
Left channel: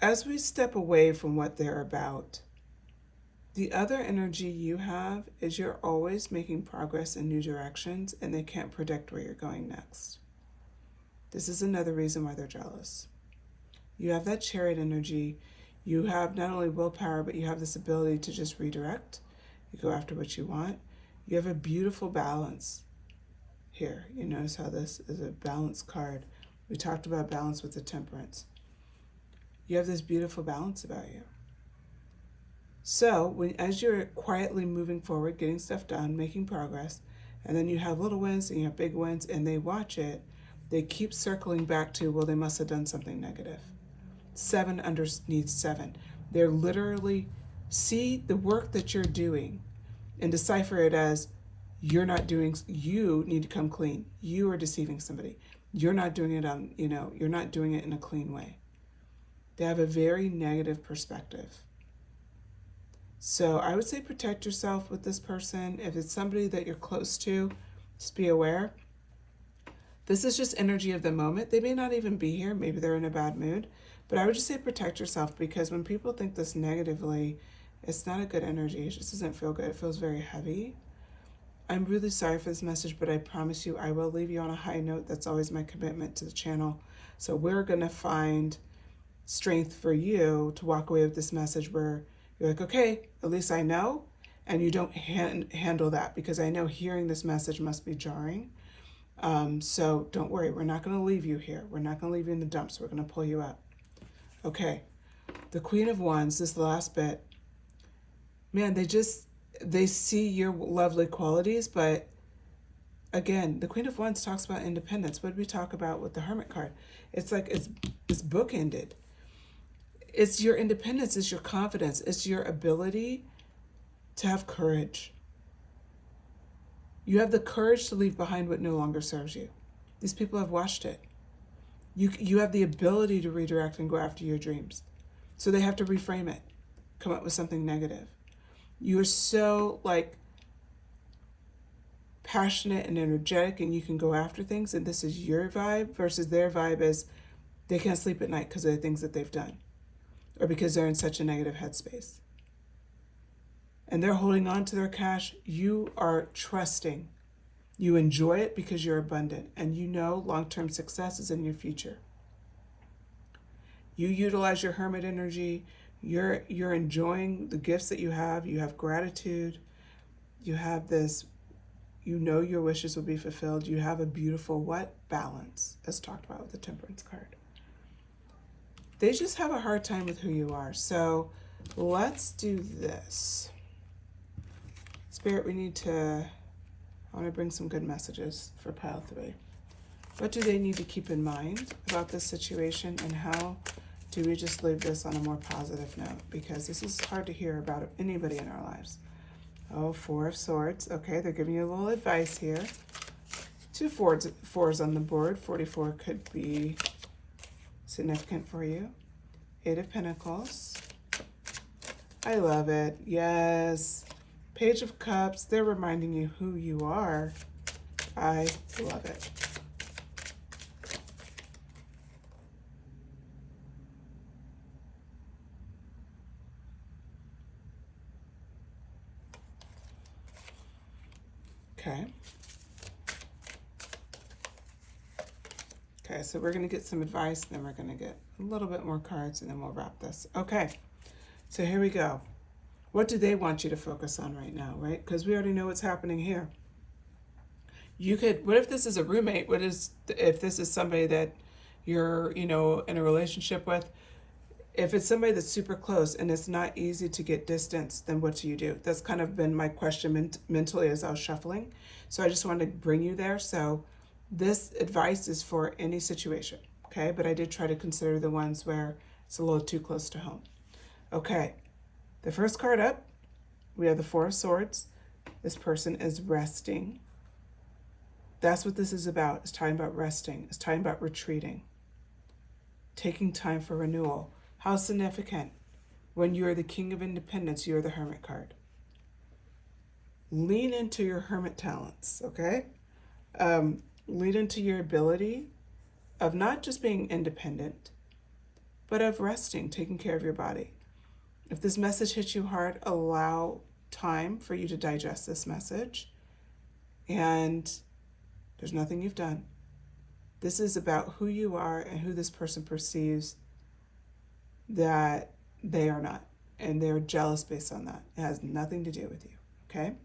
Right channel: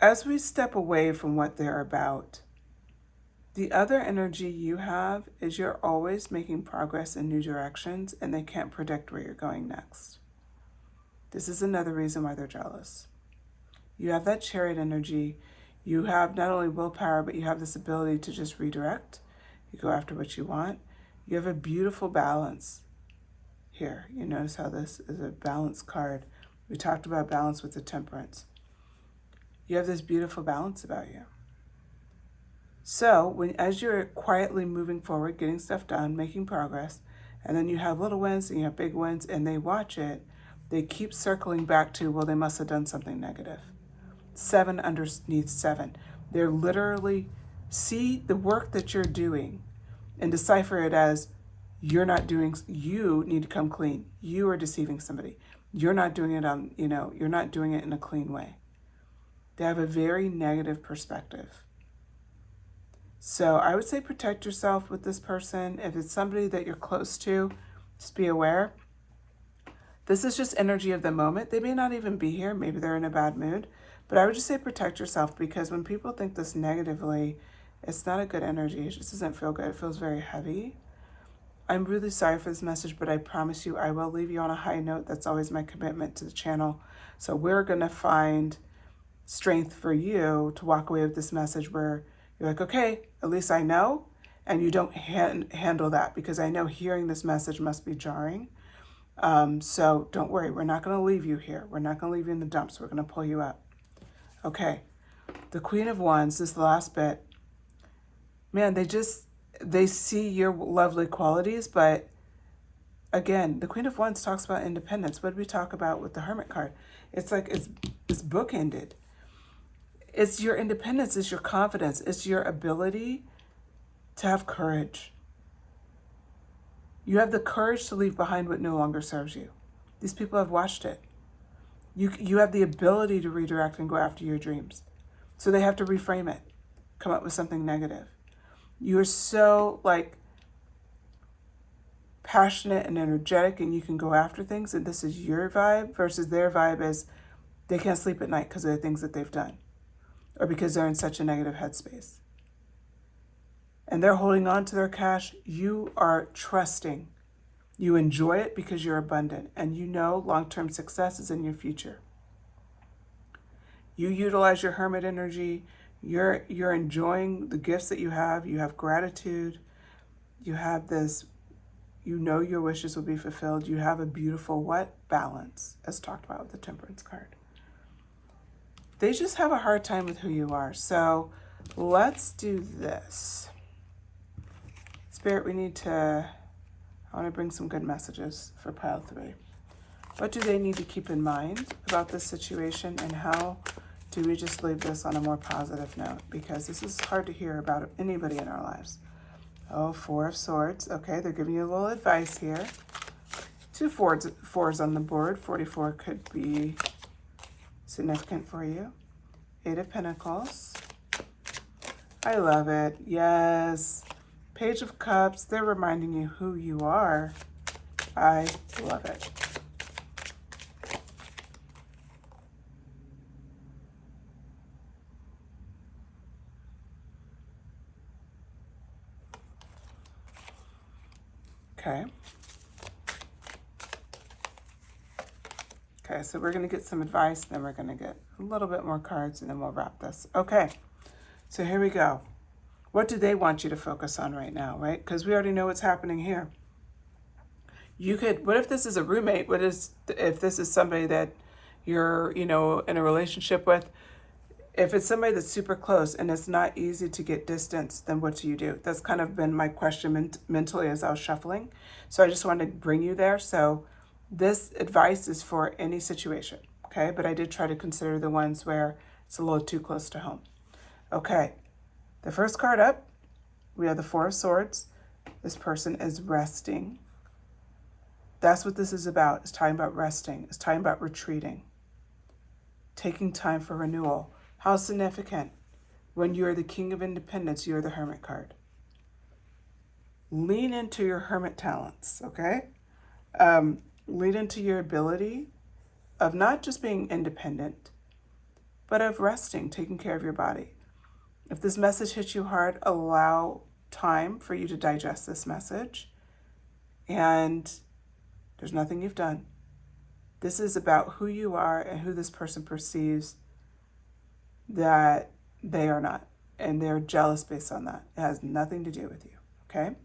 As we step away from what they're about, the other energy you have is you're always making progress in new directions and they can't predict where you're going next. This is another reason why they're jealous. You have that Chariot energy. You have not only willpower, but you have this ability to just redirect. You go after what you want. You have a beautiful balance here. You notice how this is a balance card. We talked about balance with the Temperance. You have this beautiful balance about you. So as you're quietly moving forward, getting stuff done, making progress, and then you have little wins and you have big wins and they watch it, they keep circling back to, well, they must have done something negative. 7 underneath 7. They're literally see the work that you're doing and decipher it as you need to come clean. You are deceiving somebody. You're not doing it you're not doing it in a clean way. They have a very negative perspective. So I would say protect yourself with this person. If it's somebody that you're close to, just be aware. This is just energy of the moment. They may not even be here. Maybe they're in a bad mood. But I would just say protect yourself, because when people think this negatively, it's not a good energy. It just doesn't feel good. It feels very heavy. I'm really sorry for this message, but I promise you I will leave you on a high note. That's always my commitment to the channel. So we're going to find strength for you to walk away with this message where you're like, okay, at least I know, and you don't handle that, because I know hearing this message must be jarring. So don't worry, we're not going to leave you here. We're not going to leave you in the dumps. We're going to pull you up. Okay, the Queen of Wands, this is the last bit. Man, they see your lovely qualities, but again, the Queen of Wands talks about independence. What did we talk about with the Hermit card? It's like it's bookended. It's your independence, it's your confidence, it's your ability to have courage. You have the courage to leave behind what no longer serves you. These people have watched it. You have the ability to redirect and go after your dreams. So they have to reframe it, come up with something negative. You're so passionate and energetic, and you can go after things, and this is your vibe, versus their vibe is they can't sleep at night because of the things that they've done, or because they're in such a negative headspace. And they're holding on to their cash. You are trusting. You enjoy it because you're abundant, and you know long-term success is in your future. You utilize your Hermit energy. You're enjoying the gifts that you have. You have gratitude. You have this, You know your wishes will be fulfilled. You have a beautiful what? Balance, as talked about with the Temperance card. They just have a hard time with who you are. So let's do this. Spirit, I want to bring some good messages for pile 3. What do they need to keep in mind about this situation, and how do we just leave this on a more positive note? Because this is hard to hear about anybody in our lives. Oh, 4 of Swords. Okay, they're giving you a little advice here. 2 fours on the board. 44 could be significant for you. 8 of Pentacles. I love it. Yes. Page of Cups. They're reminding you who you are. I love it. Okay. Okay, so we're going to get some advice, then we're going to get a little bit more cards, and then we'll wrap this. Okay, so here we go. What do they want you to focus on right now, right? Because we already know what's happening here. What if this is a roommate? If this is somebody that you're, in a relationship with? If it's somebody that's super close and it's not easy to get distance, then what do? That's kind of been my question mentally as I was shuffling. So I just wanted to bring you there. So this advice is for any situation, okay? But I did try to consider the ones where it's a little too close to home. Okay, the first card up, we have the 4 of Swords. This person is resting. That's what this is about. It's talking about resting. It's talking about retreating. Taking time for renewal. How significant? When you're the King of Independence, you're the Hermit card. Lean into your Hermit talents, okay? Lean into your ability of not just being independent, but of resting, taking care of your body. If this message hits you hard, allow time for you to digest this message. And there's nothing you've done. This is about who you are and who this person perceives that they are not. And they're jealous based on that. It has nothing to do with you, okay?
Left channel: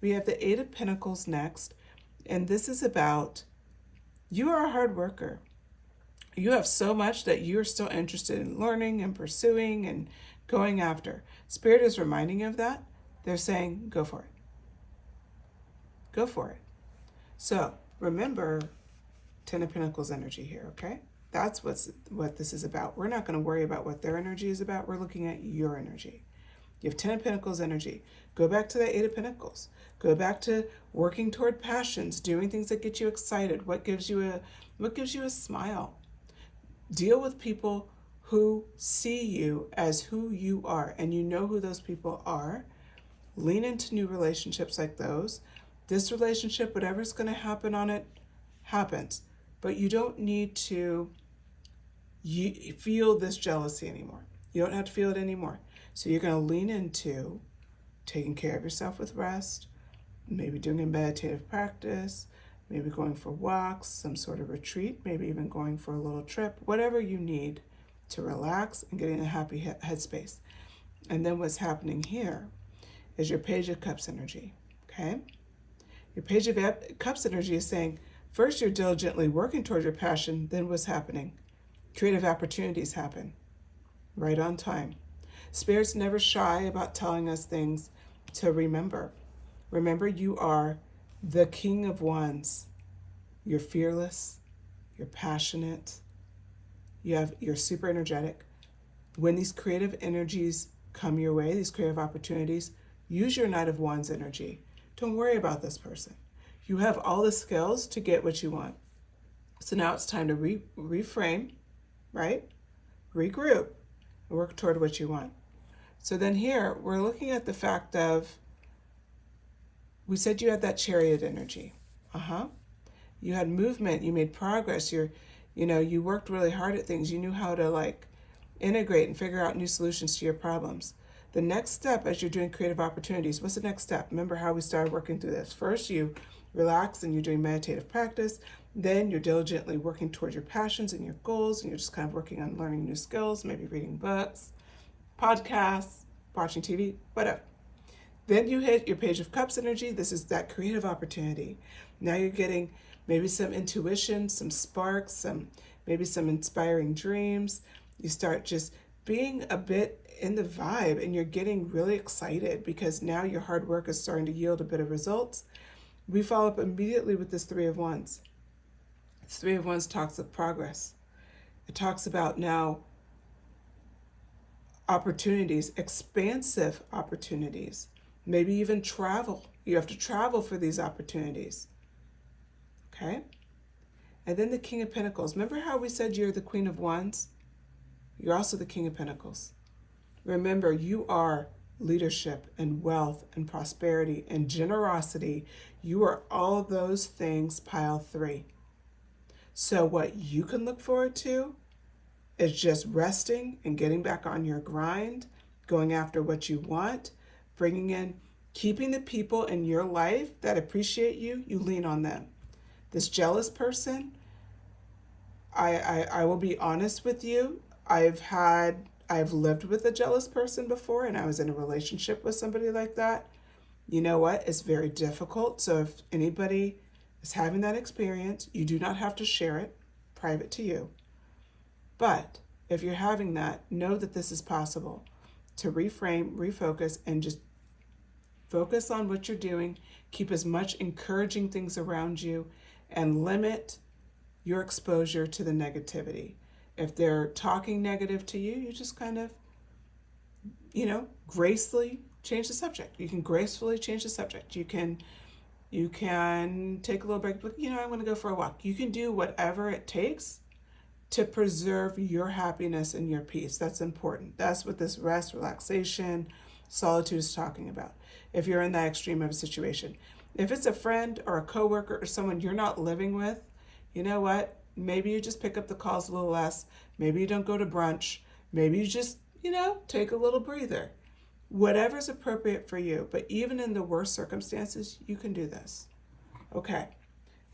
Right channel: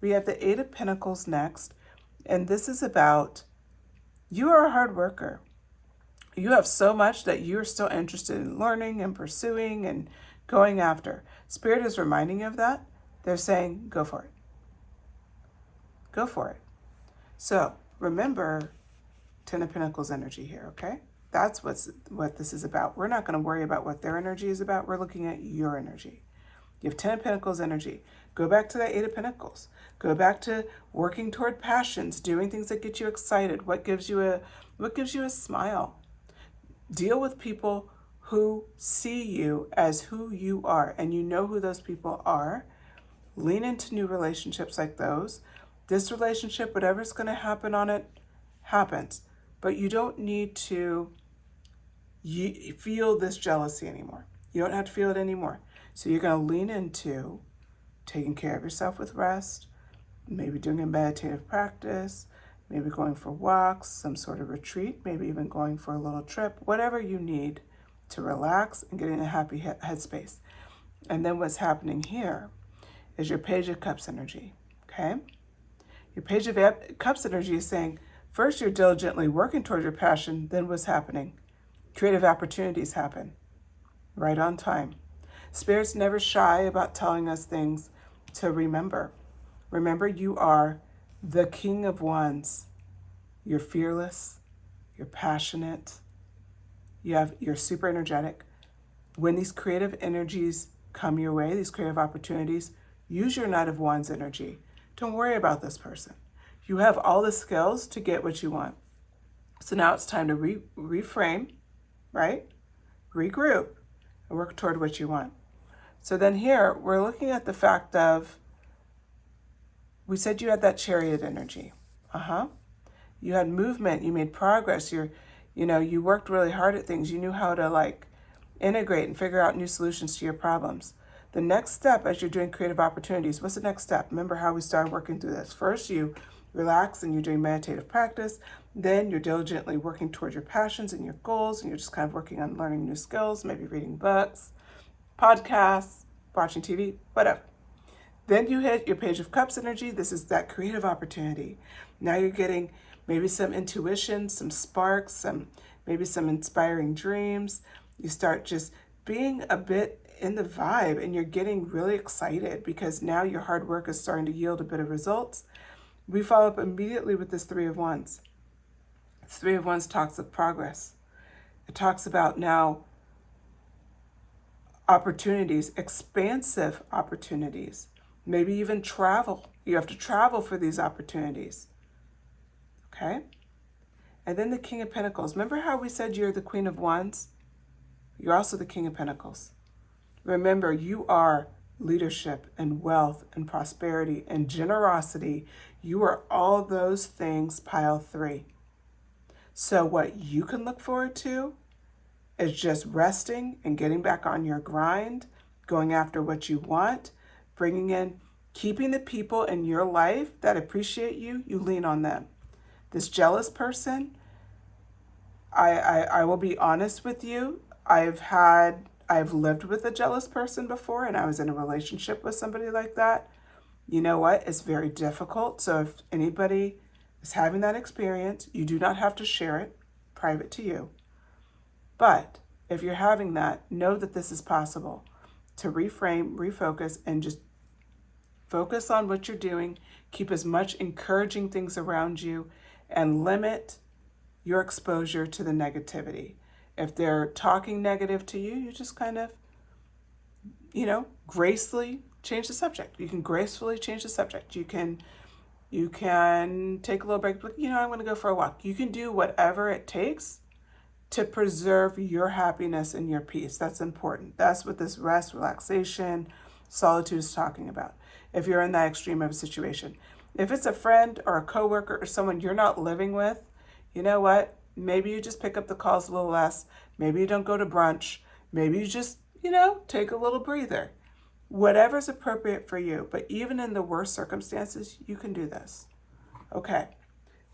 We have the 8 of Pentacles next. And this is about, you are a hard worker. You have so much that you're still interested in learning and pursuing and going after. Spirit is reminding you of that. They're saying, go for it. Go for it. So remember 10 of Pentacles energy here, okay? That's what this is about. We're not going to worry about what their energy is about. We're looking at your energy. You have 10 of Pentacles energy. Go back to that 8 of Pentacles. Go back to working toward passions, doing things that get you excited. What gives you a smile? Deal with people who see you as who you are, and you know who those people are. Lean into new relationships like those. This relationship, whatever's going to happen on it, happens. But you don't need to feel this jealousy anymore. You don't have to feel it anymore. So you're going to lean into taking care of yourself with rest, maybe doing a meditative practice, maybe going for walks, some sort of retreat, maybe even going for a little trip, whatever you need to relax and get in a happy headspace. And then what's happening here is your Page of Cups energy, okay? Your Page of Cups energy is saying, first you're diligently working towards your passion, then what's happening? Creative opportunities happen right on time. Spirit's never shy about telling us things to remember. Remember, you are the King of Wands. You're fearless, you're passionate, you're super energetic. When these creative energies come your way, these creative opportunities, use your Knight of Wands energy. Don't worry about this person. You have all the skills to get what you want. So now it's time to reframe, right? Regroup and work toward what you want. So then here, we're looking at the fact of, we said you had that Chariot energy. You had movement, you made progress, you worked really hard at things. You knew how to integrate and figure out new solutions to your problems. The next step as you're doing creative opportunities, what's the next step? Remember how we started working through this. First, you relax and you're doing meditative practice. Then you're diligently working towards your passions and your goals, and you're just kind of working on learning new skills, maybe reading books, podcasts, watching TV, whatever. Then you hit your Page of Cups energy. This is that creative opportunity. Now you're getting maybe some intuition, some sparks, maybe some inspiring dreams. You start just being a bit in the vibe, and you're getting really excited because now your hard work is starting to yield a bit of results. We follow up immediately with this Three of Wands. This Three of Wands talks of progress. It talks about now opportunities, expansive opportunities, maybe even travel. You have to travel for these opportunities. Okay? And then the King of Pentacles. Remember how we said you're the Queen of Wands? You're also the King of Pentacles. Remember, you are leadership and wealth and prosperity and generosity. You are all those things, pile 3. So what you can look forward to is just resting and getting back on your grind, going after what you want, bringing in, keeping the people in your life that appreciate you, you lean on them. This jealous person, I will be honest with you, I've lived with a jealous person before, and I was in a relationship with somebody like that. You know what? It's very difficult. So if anybody is having that experience, you do not have to share it, private to you. But if you're having that, know that this is possible, to reframe, refocus, and just focus on what you're doing. Keep as much encouraging things around you and limit your exposure to the negativity. If they're talking negative to you, you just kind of, gracefully change the subject. You can gracefully change the subject. You can take a little break, but I'm going to go for a walk. You can do whatever it takes to preserve your happiness and your peace. That's important. That's what this rest, relaxation, solitude is talking about. If you're in that extreme of a situation, if it's a friend or a coworker or someone you're not living with, you know what? Maybe you just pick up the calls a little less. Maybe you don't go to brunch. Maybe you just, take a little breather. Whatever's appropriate for you. But even in the worst circumstances, you can do this. Okay.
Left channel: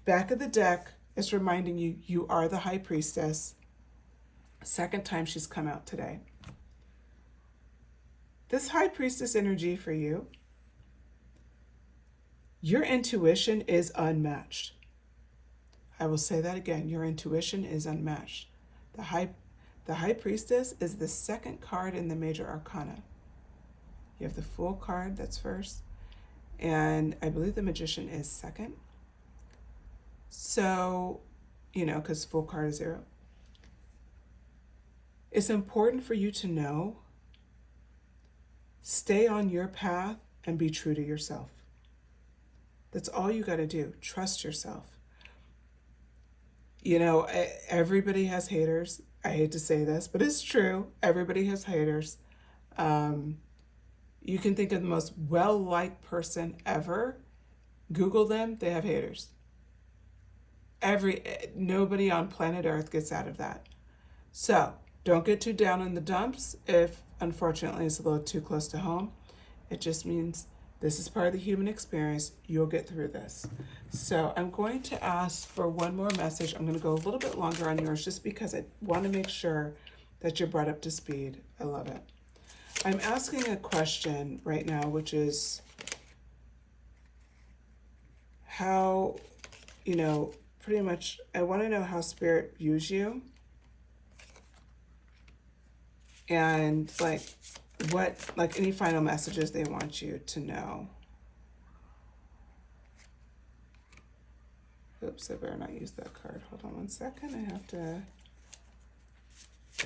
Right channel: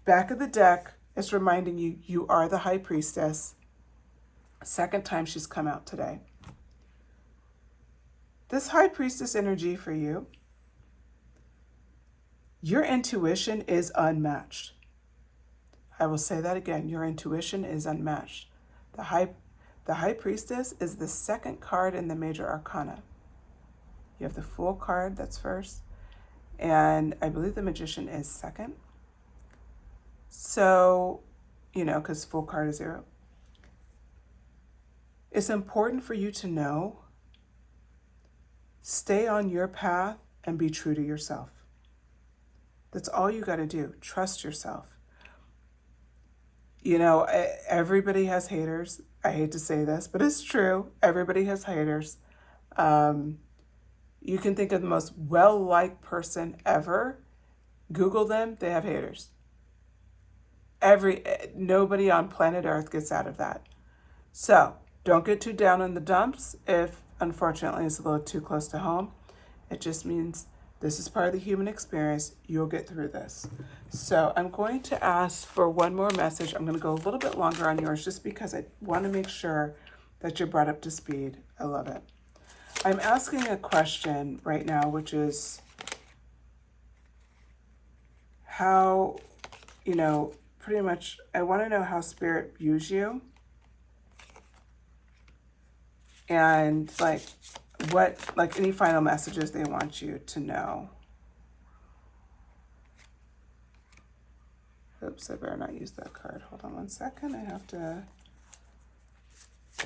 Back of the deck is reminding you, you are the High Priestess. Second time she's come out today. This High Priestess energy for you, your intuition is unmatched. I will say that again. Your intuition is unmatched. The High Priestess is the second card in the Major Arcana. You have the Fool card, that's first. And I believe the Magician is second. So, because Fool card is 0. It's important for you to know, stay on your path and be true to yourself. That's all you got to do. Trust yourself. Everybody has haters. I hate to say this, but it's true. Everybody has haters. You can think of the most well-liked person ever. Google them, they have haters. Nobody on planet Earth gets out of that. So don't get too down in the dumps if, unfortunately, it's a little too close to home. It just means this is part of the human experience. You'll get through this. So I'm going to ask for one more message. I'm going to go a little bit longer on yours just because I want to make sure that you're brought up to speed. I love it. I'm asking a question right now, which is how, pretty much I want to know how Spirit views you. And any final messages they want you to know. Oops, I better not use that card. Hold on one second. I have to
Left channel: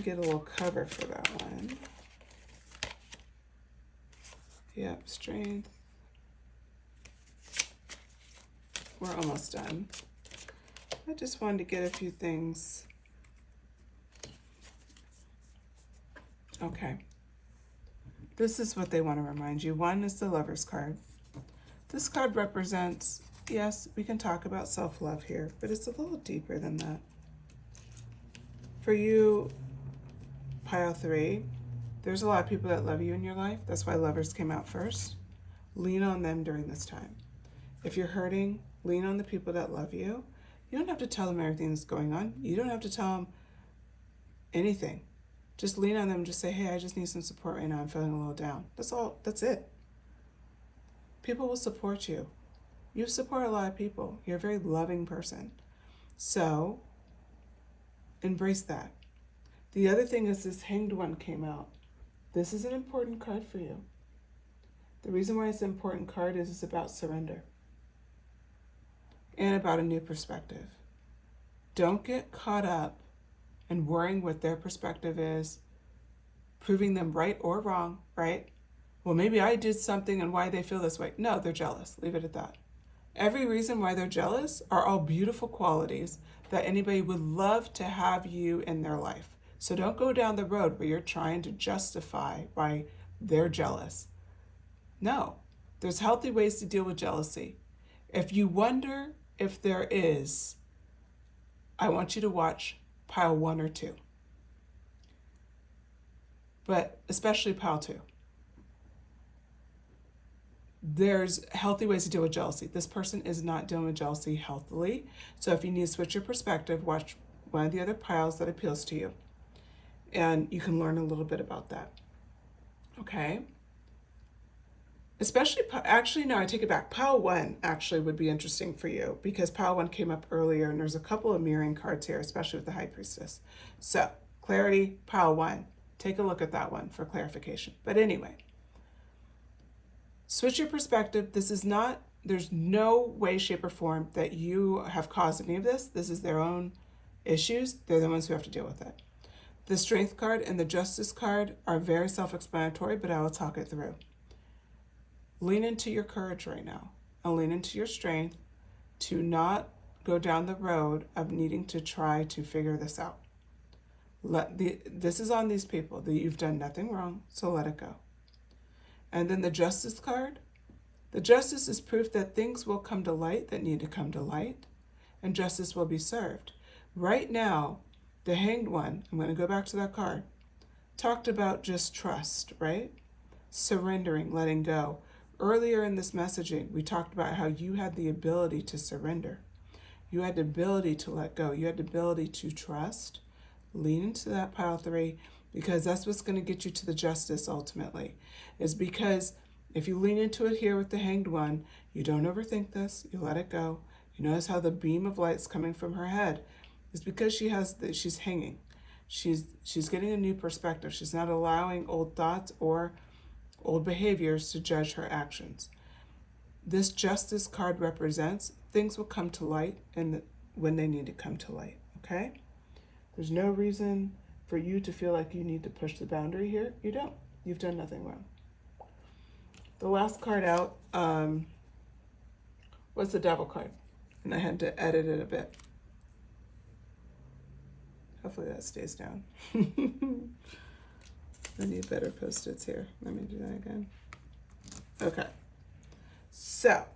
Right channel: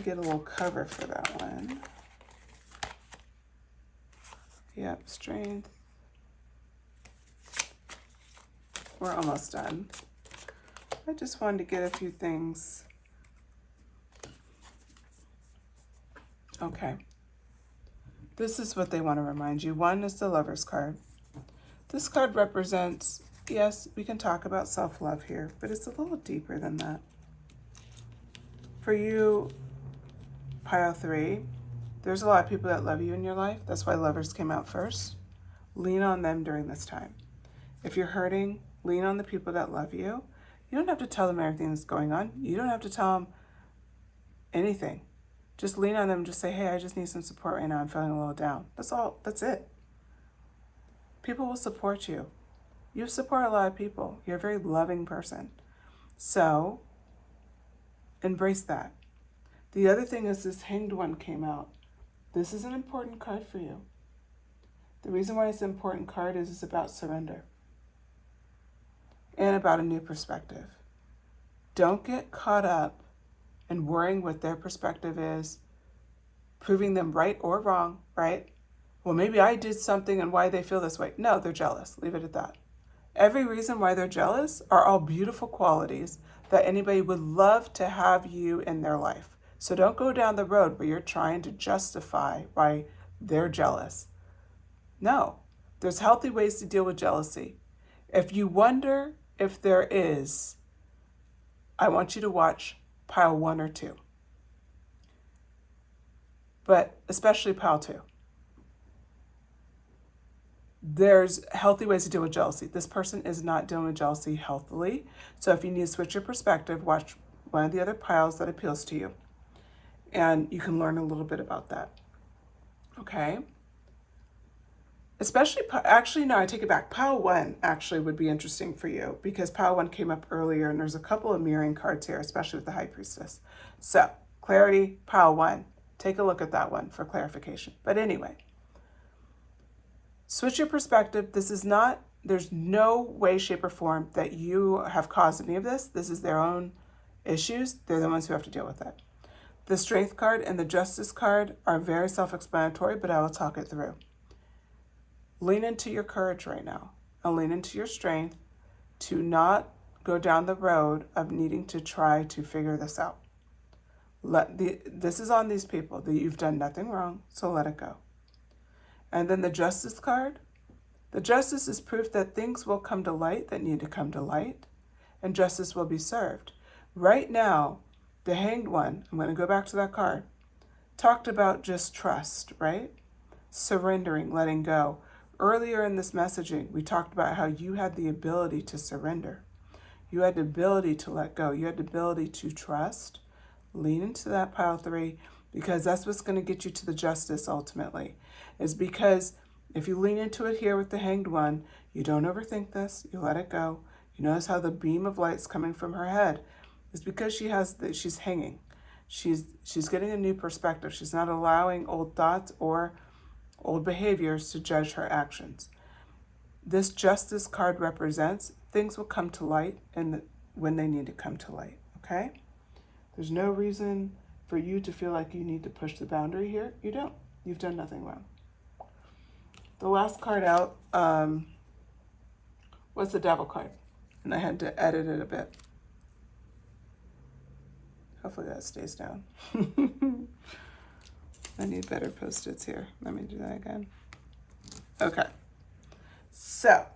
get a little cover for that one. Yep, strength. We're almost done. I just wanted to get a few things. Okay. This is what they want to remind you. One is the Lover's card. This card represents, yes, we can talk about self-love here, but it's a little deeper than that. For you, pile 3, there's a lot of people that love you in your life. That's why Lovers came out first. Lean on them during this time. If you're hurting, lean on the people that love you. You don't have to tell them everything that's going on. You don't have to tell them anything. Just lean on them and just say, hey, I just need some support right now. I'm feeling a little down. That's all. That's it. People will support you. You support a lot of people. You're a very loving person. So embrace that. The other thing is this Hanged One came out. This is an important card for you. The reason why it's an important card is it's about surrender and about a new perspective. Don't get caught up in worrying what their perspective is, proving them right or wrong, right? Well, maybe I did something and why they feel this way. No, they're jealous. Leave it at that. Every reason why they're jealous are all beautiful qualities that anybody would love to have you in their life. So don't go down the road where you're trying to justify why they're jealous. No, there's healthy ways to deal with jealousy. If you wonder if there is, I want you to watch pile 1 or 2. But especially pile 2. There's healthy ways to deal with jealousy. This person is not dealing with jealousy healthily. So if you need to switch your perspective, watch one of the other piles that appeals to you. And you can learn a little bit about that. Okay? Especially, actually, no, I take it back. Pile 1 actually would be interesting for you because pile 1 came up earlier and there's a couple of mirroring cards here, especially with the High Priestess. So, clarity, pile 1. Take a look at that one for clarification. But anyway, switch your perspective. This is not, there's no way, shape, or form that you have caused any of this. This is their own issues. They're the ones who have to deal with it. The Strength card and the Justice card are very self-explanatory, but I will talk it through. Lean into your courage right now and lean into your strength to not go down the road of needing to try to figure this out. This is on these people that you've done nothing wrong, so let it go. And then the Justice card. The Justice is proof that things will come to light that need to come to light, and justice will be served. Right now, the Hanged One, I'm going to go back to that card, talked about just trust, right? Surrendering, letting go. Earlier in this messaging, we talked about how you had the ability to surrender. You had the ability to let go. You had the ability to trust. Lean into that pile 3 because that's what's going to get you to the justice ultimately. Is because if you lean into it here with the Hanged One, you don't overthink this. You let it go. You notice how the beam of light's coming from her head. It's because she's hanging. She's getting a new perspective. She's not allowing old thoughts or old behaviors to judge her actions. This Justice card represents things will come to light and when they need to come to light, okay? There's no reason for you to feel like you need to push the boundary here. You don't. You've done nothing wrong. The last card out was the Devil card, and I had to edit it a bit. Hopefully that stays down. I need better Post-its here. Let me do that again. Okay. So,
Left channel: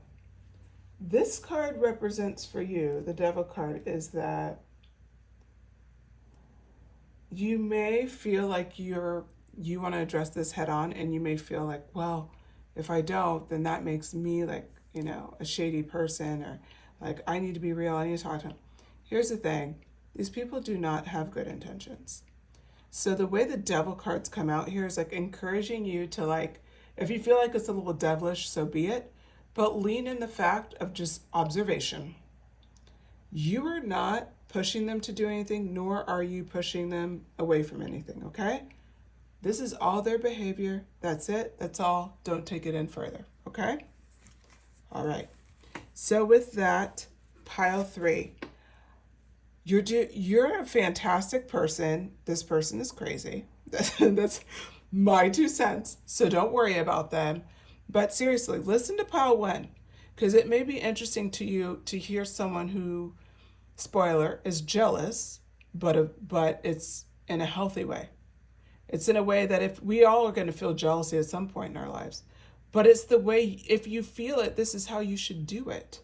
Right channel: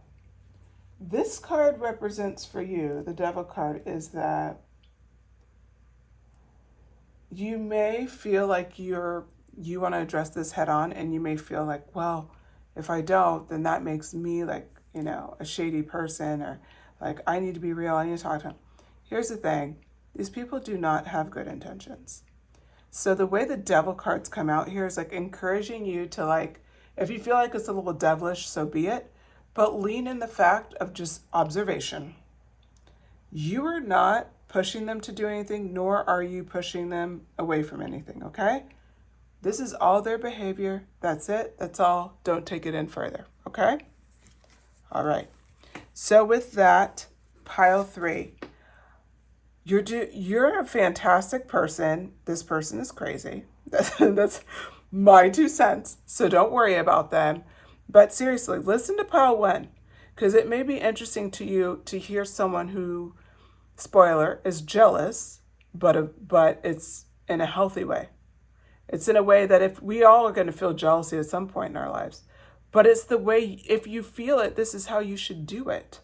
this card represents for you, the Devil card, is that you may feel like you want to address this head on, and you may feel like, well, if I don't, then that makes me like, a shady person, or like I need to be real, I need to talk to him. Here's the thing. These people do not have good intentions. So the way the Devil cards come out here is like encouraging you to like, if you feel like it's a little devilish, so be it, but lean in the fact of just observation. You are not pushing them to do anything, nor are you pushing them away from anything, okay? This is all their behavior. That's it. That's all. Don't take it in further, okay? All right. So with that, pile 3. You're a fantastic person. This person is crazy. That's my 2 cents. So don't worry about them. But seriously, listen to pile 1, because it may be interesting to you to hear someone who, spoiler, is jealous, but it's in a healthy way. It's in a way that if we all are going to feel jealousy at some point in our lives, but it's the way, if you feel it, this is how you should do it.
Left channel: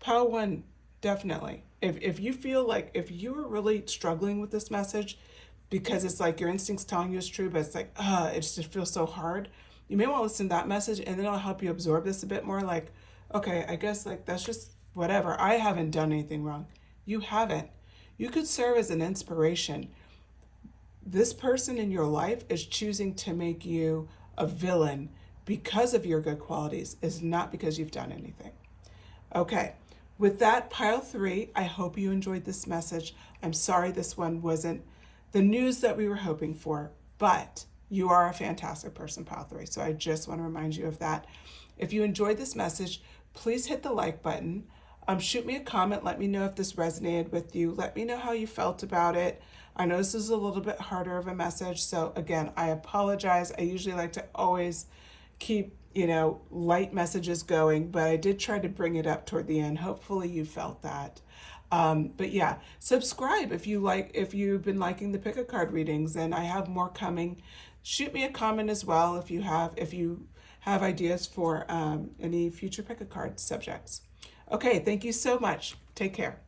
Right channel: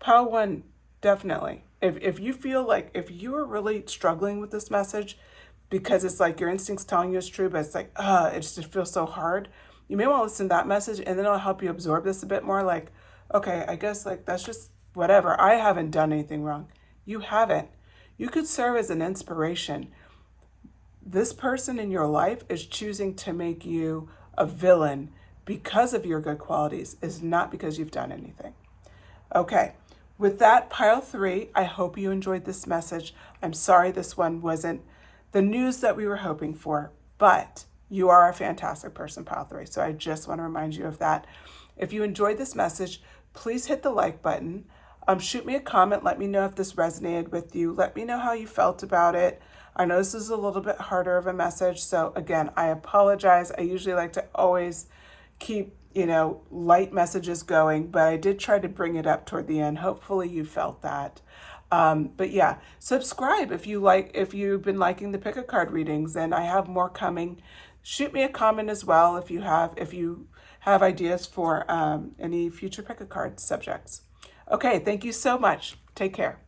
Pile 1, definitely. If you feel like, if you are really struggling with this message, because it's like your instincts telling you it's true, but it's like, it just feels so hard, you may want to listen to that message, and then it'll help you absorb this a bit more. Like, okay, I guess like that's just whatever. I haven't done anything wrong. You haven't. You could serve as an inspiration. This person in your life is choosing to make you a villain because of your good qualities, is not because you've done anything. Okay, with that, pile 3, I hope you enjoyed this message. I'm sorry this one wasn't the news that we were hoping for, but you are a fantastic person, pile 3. So I just want to remind you of that. If you enjoyed this message, please hit the like button. Shoot me a comment. Let me know if this resonated with you. Let me know how you felt about it. I know this is a little bit harder of a message. So again, I apologize. I usually like to always keep, light messages going, but I did try to bring it up toward the end. Hopefully you felt that. But yeah, subscribe if you've been liking the pick a card readings, and I have more coming. Shoot me a comment as well if you have ideas for any future pick a card subjects. Okay, thank you so much. Take care.